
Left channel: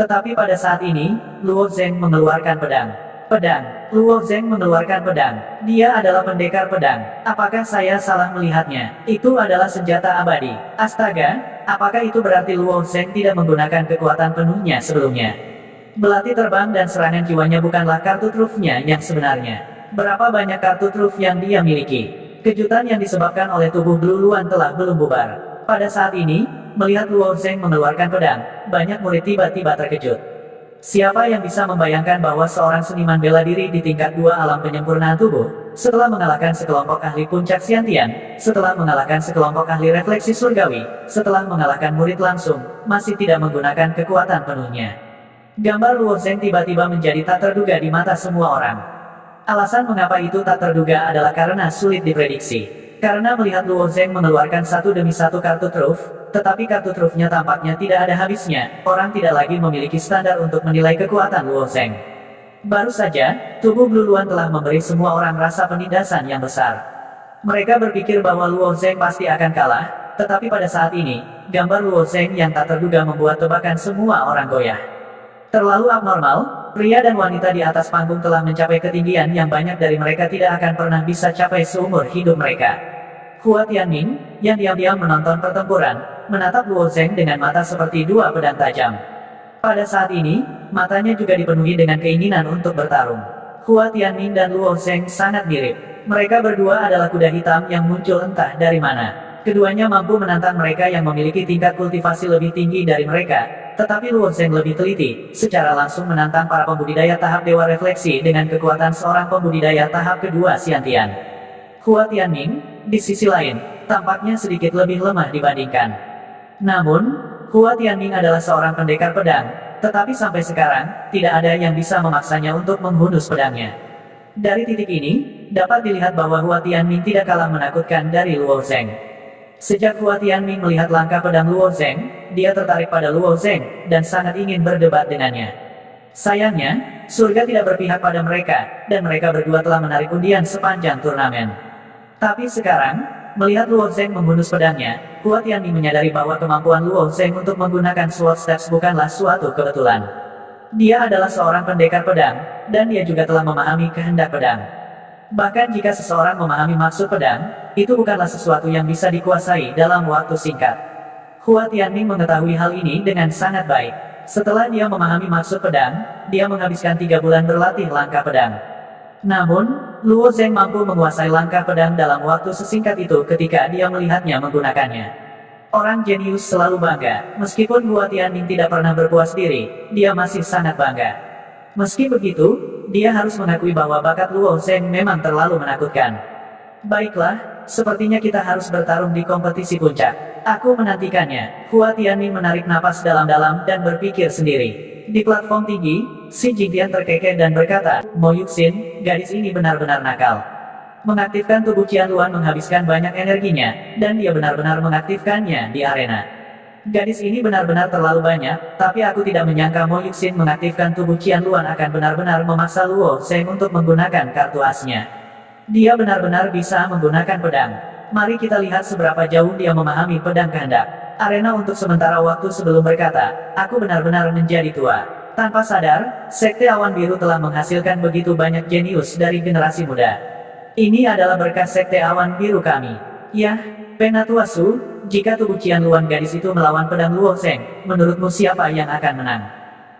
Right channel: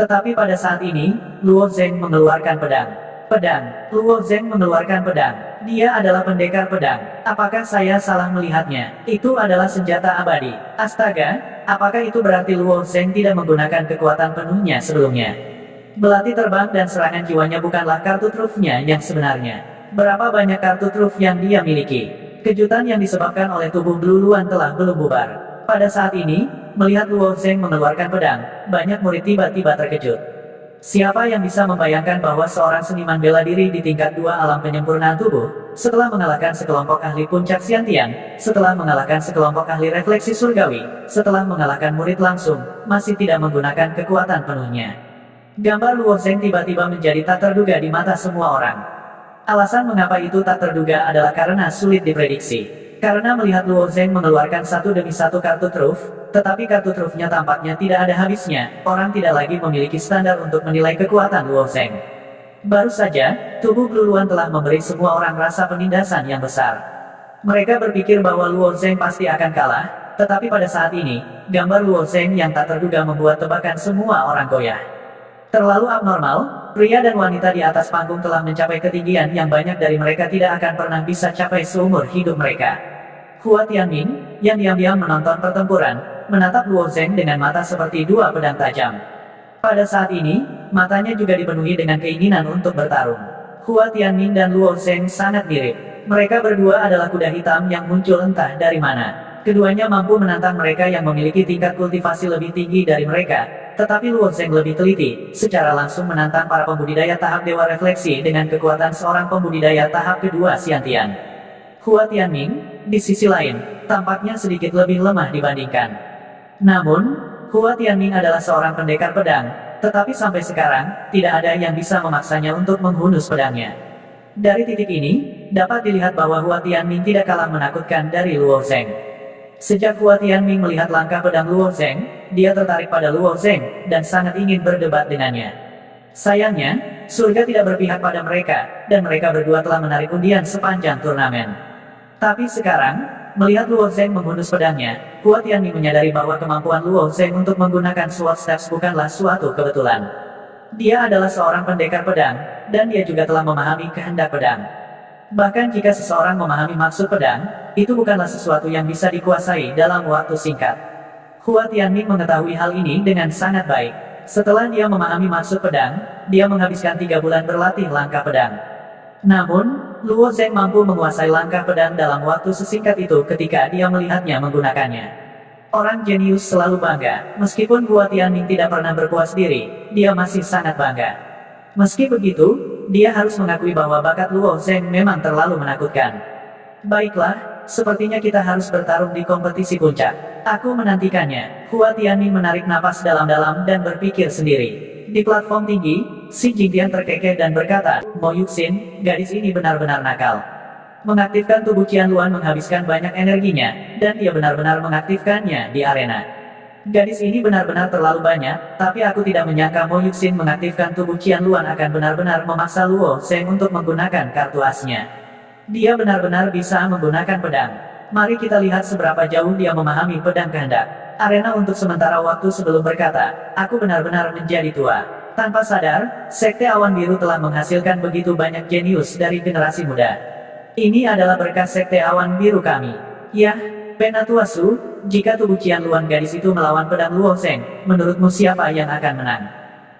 Tetapi pada saat ini, Luo Zeng mengeluarkan pedang. Pedang. Luo Zeng mengeluarkan pedang. Dia adalah pendekar pedang. Apakah saya salah melihatnya? Itu adalah senjata abadi. Astaga, apakah itu berarti Luo Zeng tidak menggunakan kekuatan penuhnya sebelumnya? Belati terbang dan serangan jiwanya bukanlah kartu trufnya yang sebenarnya. Berapa banyak kartu truf yang dia miliki? Kejutan yang disebabkan oleh tubuh Blue Luan telah belum bubar. Pada saat ini, melihat Luo Zeng mengeluarkan pedang, banyak murid tiba-tiba terkejut. Siapa yang bisa membayangkan bahwa seorang seniman bela diri di tingkat 2 alam penyempurnaan tubuh, setelah mengalahkan sekelompok ahli puncak Xiantian, setelah mengalahkan sekelompok ahli refleksi surgawi, setelah mengalahkan murid langsung, masih tidak menggunakan kekuatan penuhnya. Gambar Luo Zeng tiba-tiba menjadi tak terduga di mata semua orang. Alasan mengapa itu tak terduga adalah karena sulit diprediksi. Karena melihat Luo Zeng mengeluarkan satu demi satu kartu truf, tetapi kartu trufnya tampaknya tidak ada habisnya, orang tidak lagi memiliki standar untuk menilai kekuatan Luo Zeng. Baru saja, tubuh Blue Luan telah memberi semua orang rasa penindasan yang besar. Mereka berpikir bahwa Luo Zeng pasti akan kalah, tetapi pada saat ini, gambar Luo Zeng yang tak terduga membuat tebakan semua orang goyah. Terlalu abnormal, pria dan wanita di atas panggung telah mencapai ketinggian yang banyak dari mereka tidak akan pernah bisa capai seumur hidup mereka. Hua Tianming, yang diam-diam menonton pertempuran, menatap Luo Zeng dengan mata seperti dua pedang tajam. Pada saat ini, matanya juga dipenuhi dengan keinginan untuk bertarung. Hua Tianming dan Luo Zeng sangat mirip. Mereka berdua adalah kuda hitam yang muncul entah dari mana. Keduanya mampu menantang mereka yang memiliki tingkat kultivasi lebih tinggi dari mereka, tetapi Luo Zheng lebih teliti, secara langsung menantang para pembudidaya tahap Dewa Refleksi dengan kekuatan seorang pembudidaya tahap kedua Xiantian. Hua Tianming, di sisi lain, tampaknya sedikit lebih lemah dibandingkan. Namun, Hua Tianming adalah seorang pendekar pedang, tetapi sampai sekarang, tidak ada yang bisa memaksanya untuk menghunus pedangnya. Dari titik ini, dapat dilihat bahwa Hua Tianming tidak kalah menakutkan dari Luo Zheng. Sejak Hua Tianming melihat langkah pedang Luo Zheng, dia tertarik pada Luo Zheng, dan sangat ingin berdebat dengannya. Sayangnya, surga tidak berpihak pada mereka, dan mereka berdua telah menarik undian sepanjang turnamen. Tapi sekarang, melihat Luo Zheng menghunus pedangnya, Hua Tianming menyadari bahwa kemampuan Luo Zheng untuk menggunakan sword steps bukanlah suatu kebetulan. Dia adalah seorang pendekar pedang, dan dia juga telah memahami kehendak pedang. Bahkan jika seseorang memahami maksud pedang, itu bukanlah sesuatu yang bisa dikuasai dalam waktu singkat. Hua Tianming mengetahui hal ini dengan sangat baik. Setelah dia memahami maksud pedang, dia menghabiskan 3 bulan berlatih langkah pedang. Namun, Luo Zheng mampu menguasai langkah pedang dalam waktu sesingkat itu ketika dia melihatnya menggunakannya. Orang jenius selalu bangga, meskipun Hua Tianming tidak pernah berpuas diri, dia masih sangat bangga. Meski begitu, dia harus mengakui bahwa bakat Luo Zheng memang terlalu menakutkan. Baiklah, sepertinya kita harus bertarung di kompetisi puncak. Aku menantikannya. Hua Tianming menarik napas dalam-dalam dan berpikir sendiri. Di platform tinggi, Si Jingtian terkekeh dan berkata, Mo Yuxin, gadis ini benar-benar nakal. Mengaktifkan tubuh Qianluan menghabiskan banyak energinya, dan dia benar-benar mengaktifkannya di arena. Gadis ini benar-benar terlalu banyak, tapi aku tidak menyangka Mo Yuxin mengaktifkan tubuh Qianluan akan benar-benar memaksa Luo Zheng untuk menggunakan kartu asnya. Dia benar-benar bisa menggunakan pedang. Mari kita lihat seberapa jauh dia memahami pedang kehendak. Arena untuk sementara waktu sebelum berkata, aku benar-benar menjadi tua. Tanpa sadar, Sekte Awan Biru telah menghasilkan begitu banyak jenius dari generasi muda. Ini adalah berkah Sekte Awan Biru kami. Yah, Penatua Su, jika tubuh Qianluan gadis itu melawan pedang Luo Zheng, menurutmu siapa yang akan menang?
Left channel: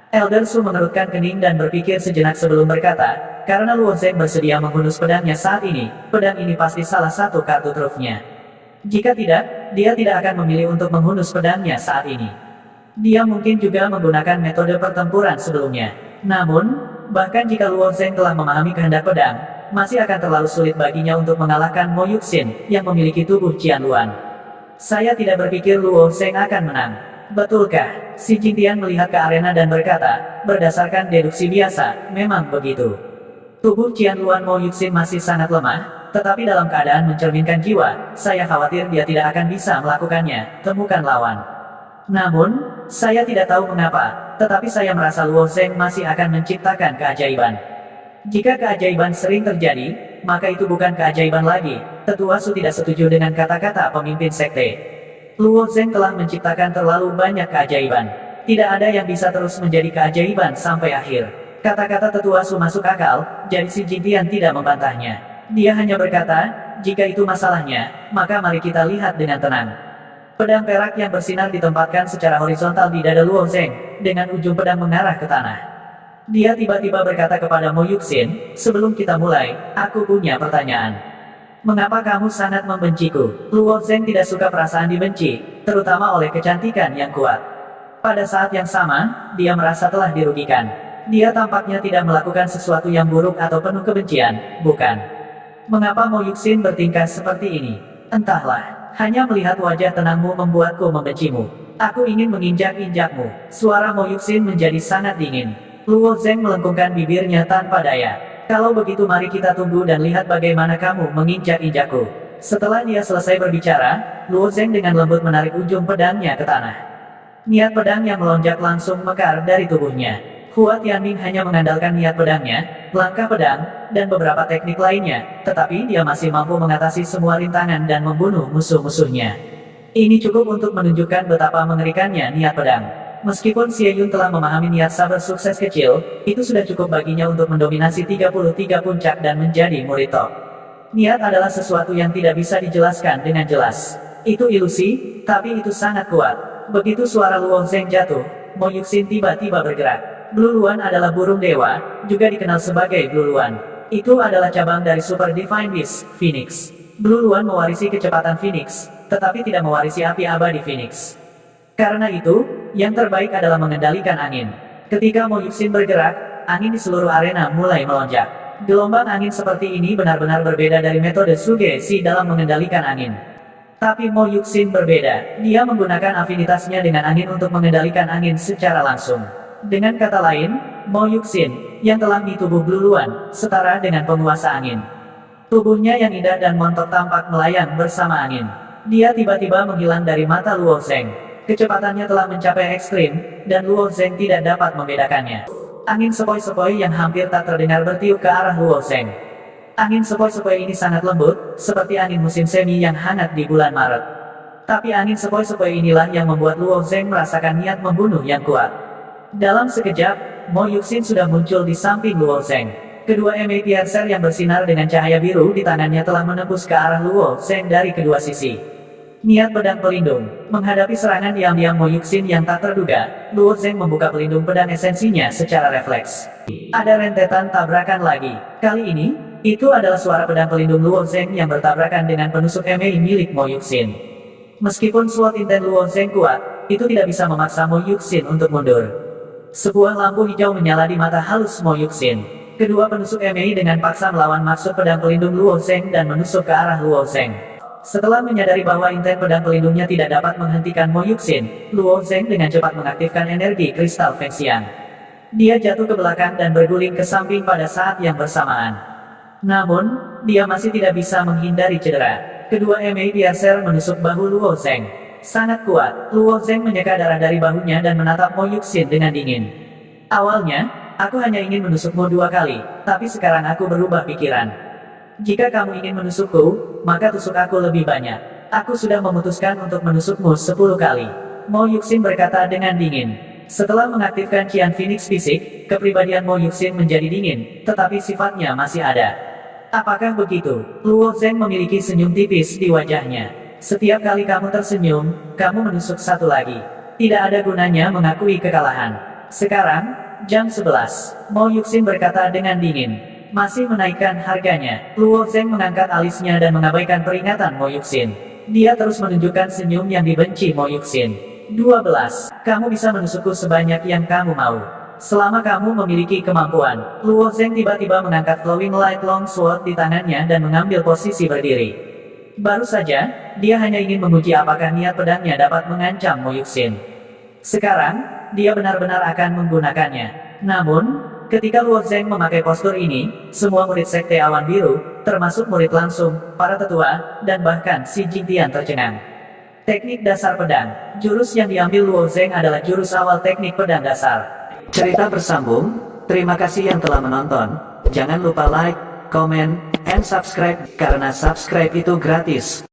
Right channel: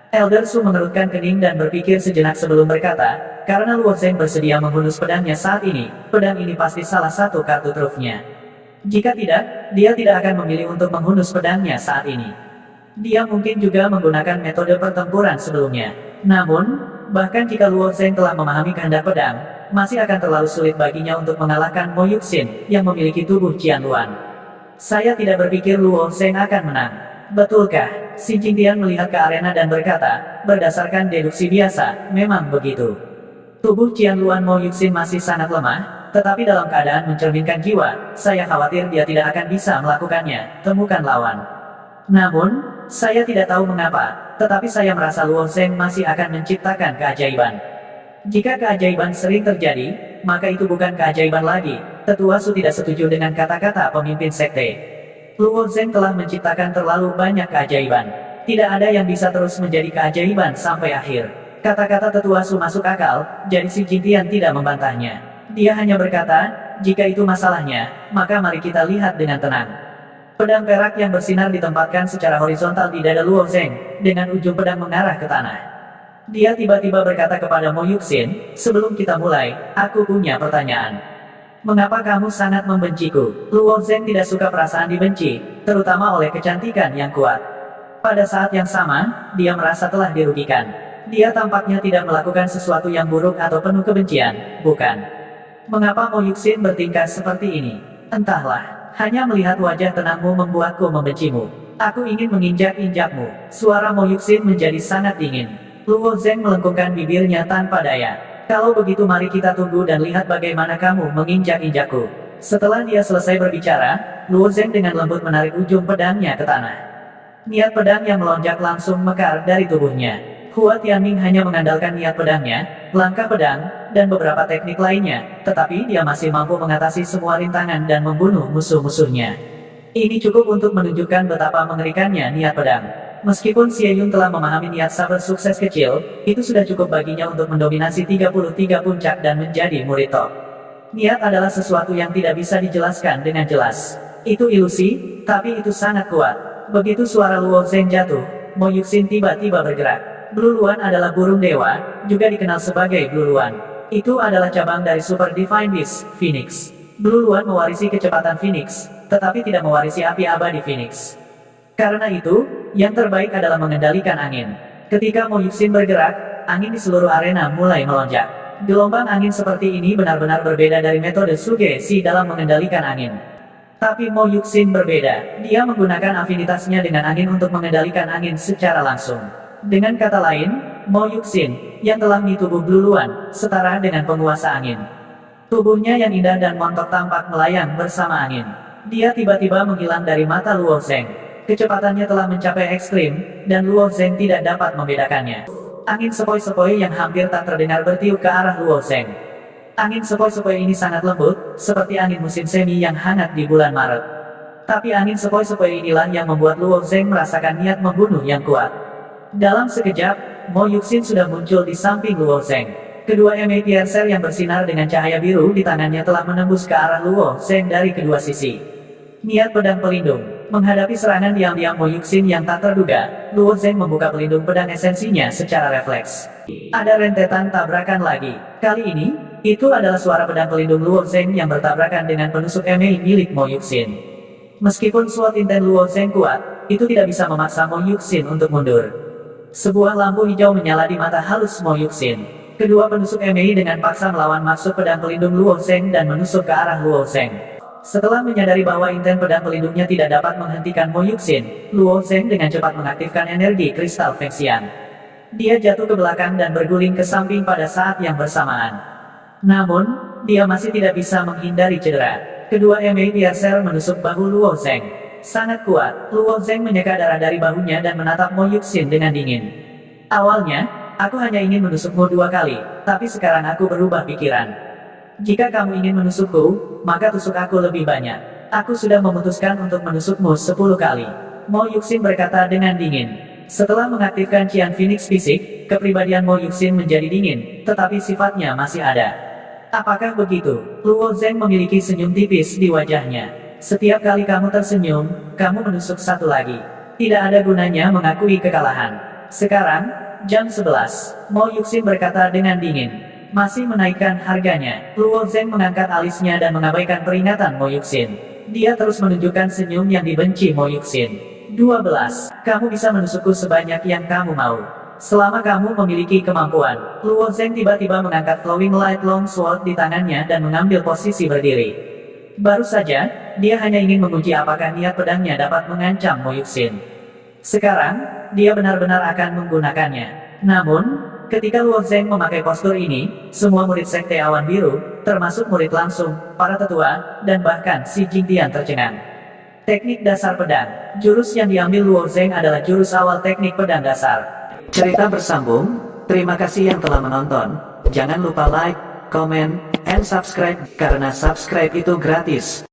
Elder Su mengerutkan kening dan berpikir sejenak sebelum berkata, karena Luo Zheng bersedia menghunus pedangnya saat ini, pedang ini pasti salah satu kartu trufnya. Jika tidak, dia tidak akan memilih untuk menghunus pedangnya saat ini. Dia mungkin juga menggunakan metode pertempuran sebelumnya. Namun, bahkan jika Luo Zheng telah memahami kehendak pedang, masih akan terlalu sulit baginya untuk mengalahkan Mo Yuxin, yang memiliki tubuh Qianluan. Saya tidak berpikir Luo Zheng akan menang. Betulkah? Si Jingtian melihat ke arena dan berkata, berdasarkan deduksi biasa, memang begitu. Tubuh Qianluan Mo Yuxin masih sangat lemah, tetapi dalam keadaan mencerminkan jiwa, saya khawatir dia tidak akan bisa melakukannya, temukan lawan. Namun, saya tidak tahu mengapa, tetapi saya merasa Luo Zheng masih akan menciptakan keajaiban. Jika keajaiban sering terjadi, maka itu bukan keajaiban lagi. Tetua Su tidak setuju dengan kata-kata pemimpin sekte. Luo Zheng telah menciptakan terlalu banyak keajaiban. Tidak ada yang bisa terus menjadi keajaiban sampai akhir. Kata-kata Tetua Su masuk akal, jadi Si Jingtian tidak membantahnya. Dia hanya berkata, jika itu masalahnya, maka mari kita lihat dengan tenang. Pedang perak yang bersinar ditempatkan secara horizontal di dada Luo Zheng, dengan ujung pedang mengarah ke tanah. Dia tiba-tiba berkata kepada Mo Yuxin, sebelum kita mulai, aku punya pertanyaan. Mengapa kamu sangat membenciku? Luo Zheng tidak suka perasaan dibenci, terutama oleh kecantikan yang kuat. Pada saat yang sama, dia merasa telah dirugikan. Dia tampaknya tidak melakukan sesuatu yang buruk atau penuh kebencian, bukan? Mengapa Mo Yuxin bertingkah seperti ini? Entahlah, hanya melihat wajah tenangmu membuatku membencimu. Aku ingin menginjak-injakmu. Suara Mo Yuxin menjadi sangat dingin. Luo Zheng melengkungkan bibirnya tanpa daya. Kalau begitu mari kita tunggu dan lihat bagaimana kamu menginjak-injakku. Setelah dia selesai berbicara, Luo Zheng dengan lembut menarik ujung pedangnya ke tanah. Niat pedang yang melonjak langsung mekar dari tubuhnya. Hua Tianming hanya mengandalkan niat pedangnya, langkah pedang, dan beberapa teknik lainnya, tetapi dia masih mampu mengatasi semua rintangan dan membunuh musuh-musuhnya. Ini cukup untuk menunjukkan betapa mengerikannya niat pedang. Meskipun Xie Yun telah memahami niat saber sukses kecil, itu sudah cukup baginya untuk mendominasi 33 puncak dan menjadi murid top. Niat adalah sesuatu yang tidak bisa dijelaskan dengan jelas. Itu ilusi, tapi itu sangat kuat. Begitu suara Luo Zheng jatuh, Mo Yuxin tiba-tiba bergerak. Blue Luan adalah burung dewa, juga dikenal sebagai Blue Luan. Itu adalah cabang dari Super Divine Beast, Phoenix. Blue Luan mewarisi kecepatan Phoenix, tetapi tidak mewarisi api abadi Phoenix. Karena itu, yang terbaik adalah mengendalikan angin. Ketika Mo Yuxin bergerak, angin di seluruh arena mulai melonjak. Gelombang angin seperti ini benar-benar berbeda dari metode Sugesi dalam mengendalikan angin. Tapi Mo Yuxin berbeda, dia menggunakan afinitasnya dengan angin untuk mengendalikan angin secara langsung. Dengan kata lain, Mo Yuxin, yang telah mi tubuh Blue Luan, setara dengan penguasa angin. Tubuhnya yang indah dan montok tampak melayang bersama angin. Dia tiba-tiba menghilang dari mata Luo Zheng. Kecepatannya telah mencapai ekstrim, dan Luo Zheng tidak dapat membedakannya. Angin sepoi-sepoi yang hampir tak terdengar bertiup ke arah Luo Zheng. Angin sepoi-sepoi ini sangat lembut, seperti angin musim semi yang hangat di bulan Maret. Tapi angin sepoi-sepoi inilah yang membuat Luo Zheng merasakan niat membunuh yang kuat. Dalam sekejap, Mo Yuxin sudah muncul di samping Luo Zheng. Kedua ema piercer yang bersinar dengan cahaya biru di tangannya telah menembus ke arah Luo Zheng dari kedua sisi. Niat pedang pelindung. Menghadapi serangan diam-diam Mo Yuxin yang tak terduga, Luo Zheng membuka pelindung pedang esensinya secara refleks. Ada rentetan tabrakan lagi. Kali ini, itu adalah suara pedang pelindung Luo Zheng yang bertabrakan dengan penusuk ema milik Mo Yuxin. Meskipun SWOT inten Luo Zheng kuat, itu tidak bisa memaksa Mo Yuxin untuk mundur. Sebuah lampu hijau menyala di mata halus Mo Yuxin. Kedua penusuk ema dengan paksa melawan maksud pedang pelindung Luo Zheng dan menusuk ke arah Luo Zheng. Setelah menyadari bahwa inten pedang pelindungnya tidak dapat menghentikan Mo Yuxin, Luo Zheng dengan cepat mengaktifkan energi kristal Fengxian. Dia jatuh ke belakang dan berguling ke samping pada saat yang bersamaan. Namun, dia masih tidak bisa menghindari cedera. Kedua ema piercer menusuk bahu Luo Zheng. Sangat kuat, Luo Zheng menyeka darah dari bahunya dan menatap Mo Yuxin dengan dingin. Awalnya, aku hanya ingin menusukmu 2 kali, tapi sekarang aku berubah pikiran. Jika kamu ingin menusukku, maka tusuk aku lebih banyak. Aku sudah memutuskan untuk menusukmu 10 kali. Mo Yuxin berkata dengan dingin. Setelah mengaktifkan Qian Phoenix fisik, kepribadian Mo Yuxin menjadi dingin, tetapi sifatnya masih ada. Apakah begitu? Luo Zheng memiliki senyum tipis di wajahnya. Setiap kali kamu tersenyum, kamu menusuk 1 lagi. Tidak ada gunanya mengakui kekalahan. Sekarang, jam 11. Mo Yuxin berkata dengan dingin. Masih menaikkan harganya. Luo Zheng mengangkat alisnya dan mengabaikan peringatan Mo Yuxin. Dia terus menunjukkan senyum yang dibenci Mo Yuxin. 12. Kamu bisa menusukku sebanyak yang kamu mau. Selama kamu memiliki kemampuan. Luo Zheng tiba-tiba mengangkat Flowing Light Long Sword di tangannya dan mengambil posisi berdiri. Baru saja, dia hanya ingin menguji apakah niat pedangnya dapat mengancam Mo Yuxin. Sekarang, dia benar-benar akan menggunakannya. Namun, ketika Luo Zheng memakai postur ini, semua murid Sekte Awan Biru, termasuk murid langsung, para tetua, dan bahkan si Jingtian tercengang. Teknik dasar pedang. Jurus yang diambil Luo Zheng adalah jurus awal teknik pedang dasar. Cerita bersambung. Terima kasih yang telah menonton. Jangan lupa like, comment, and subscribe, karena subscribe itu gratis.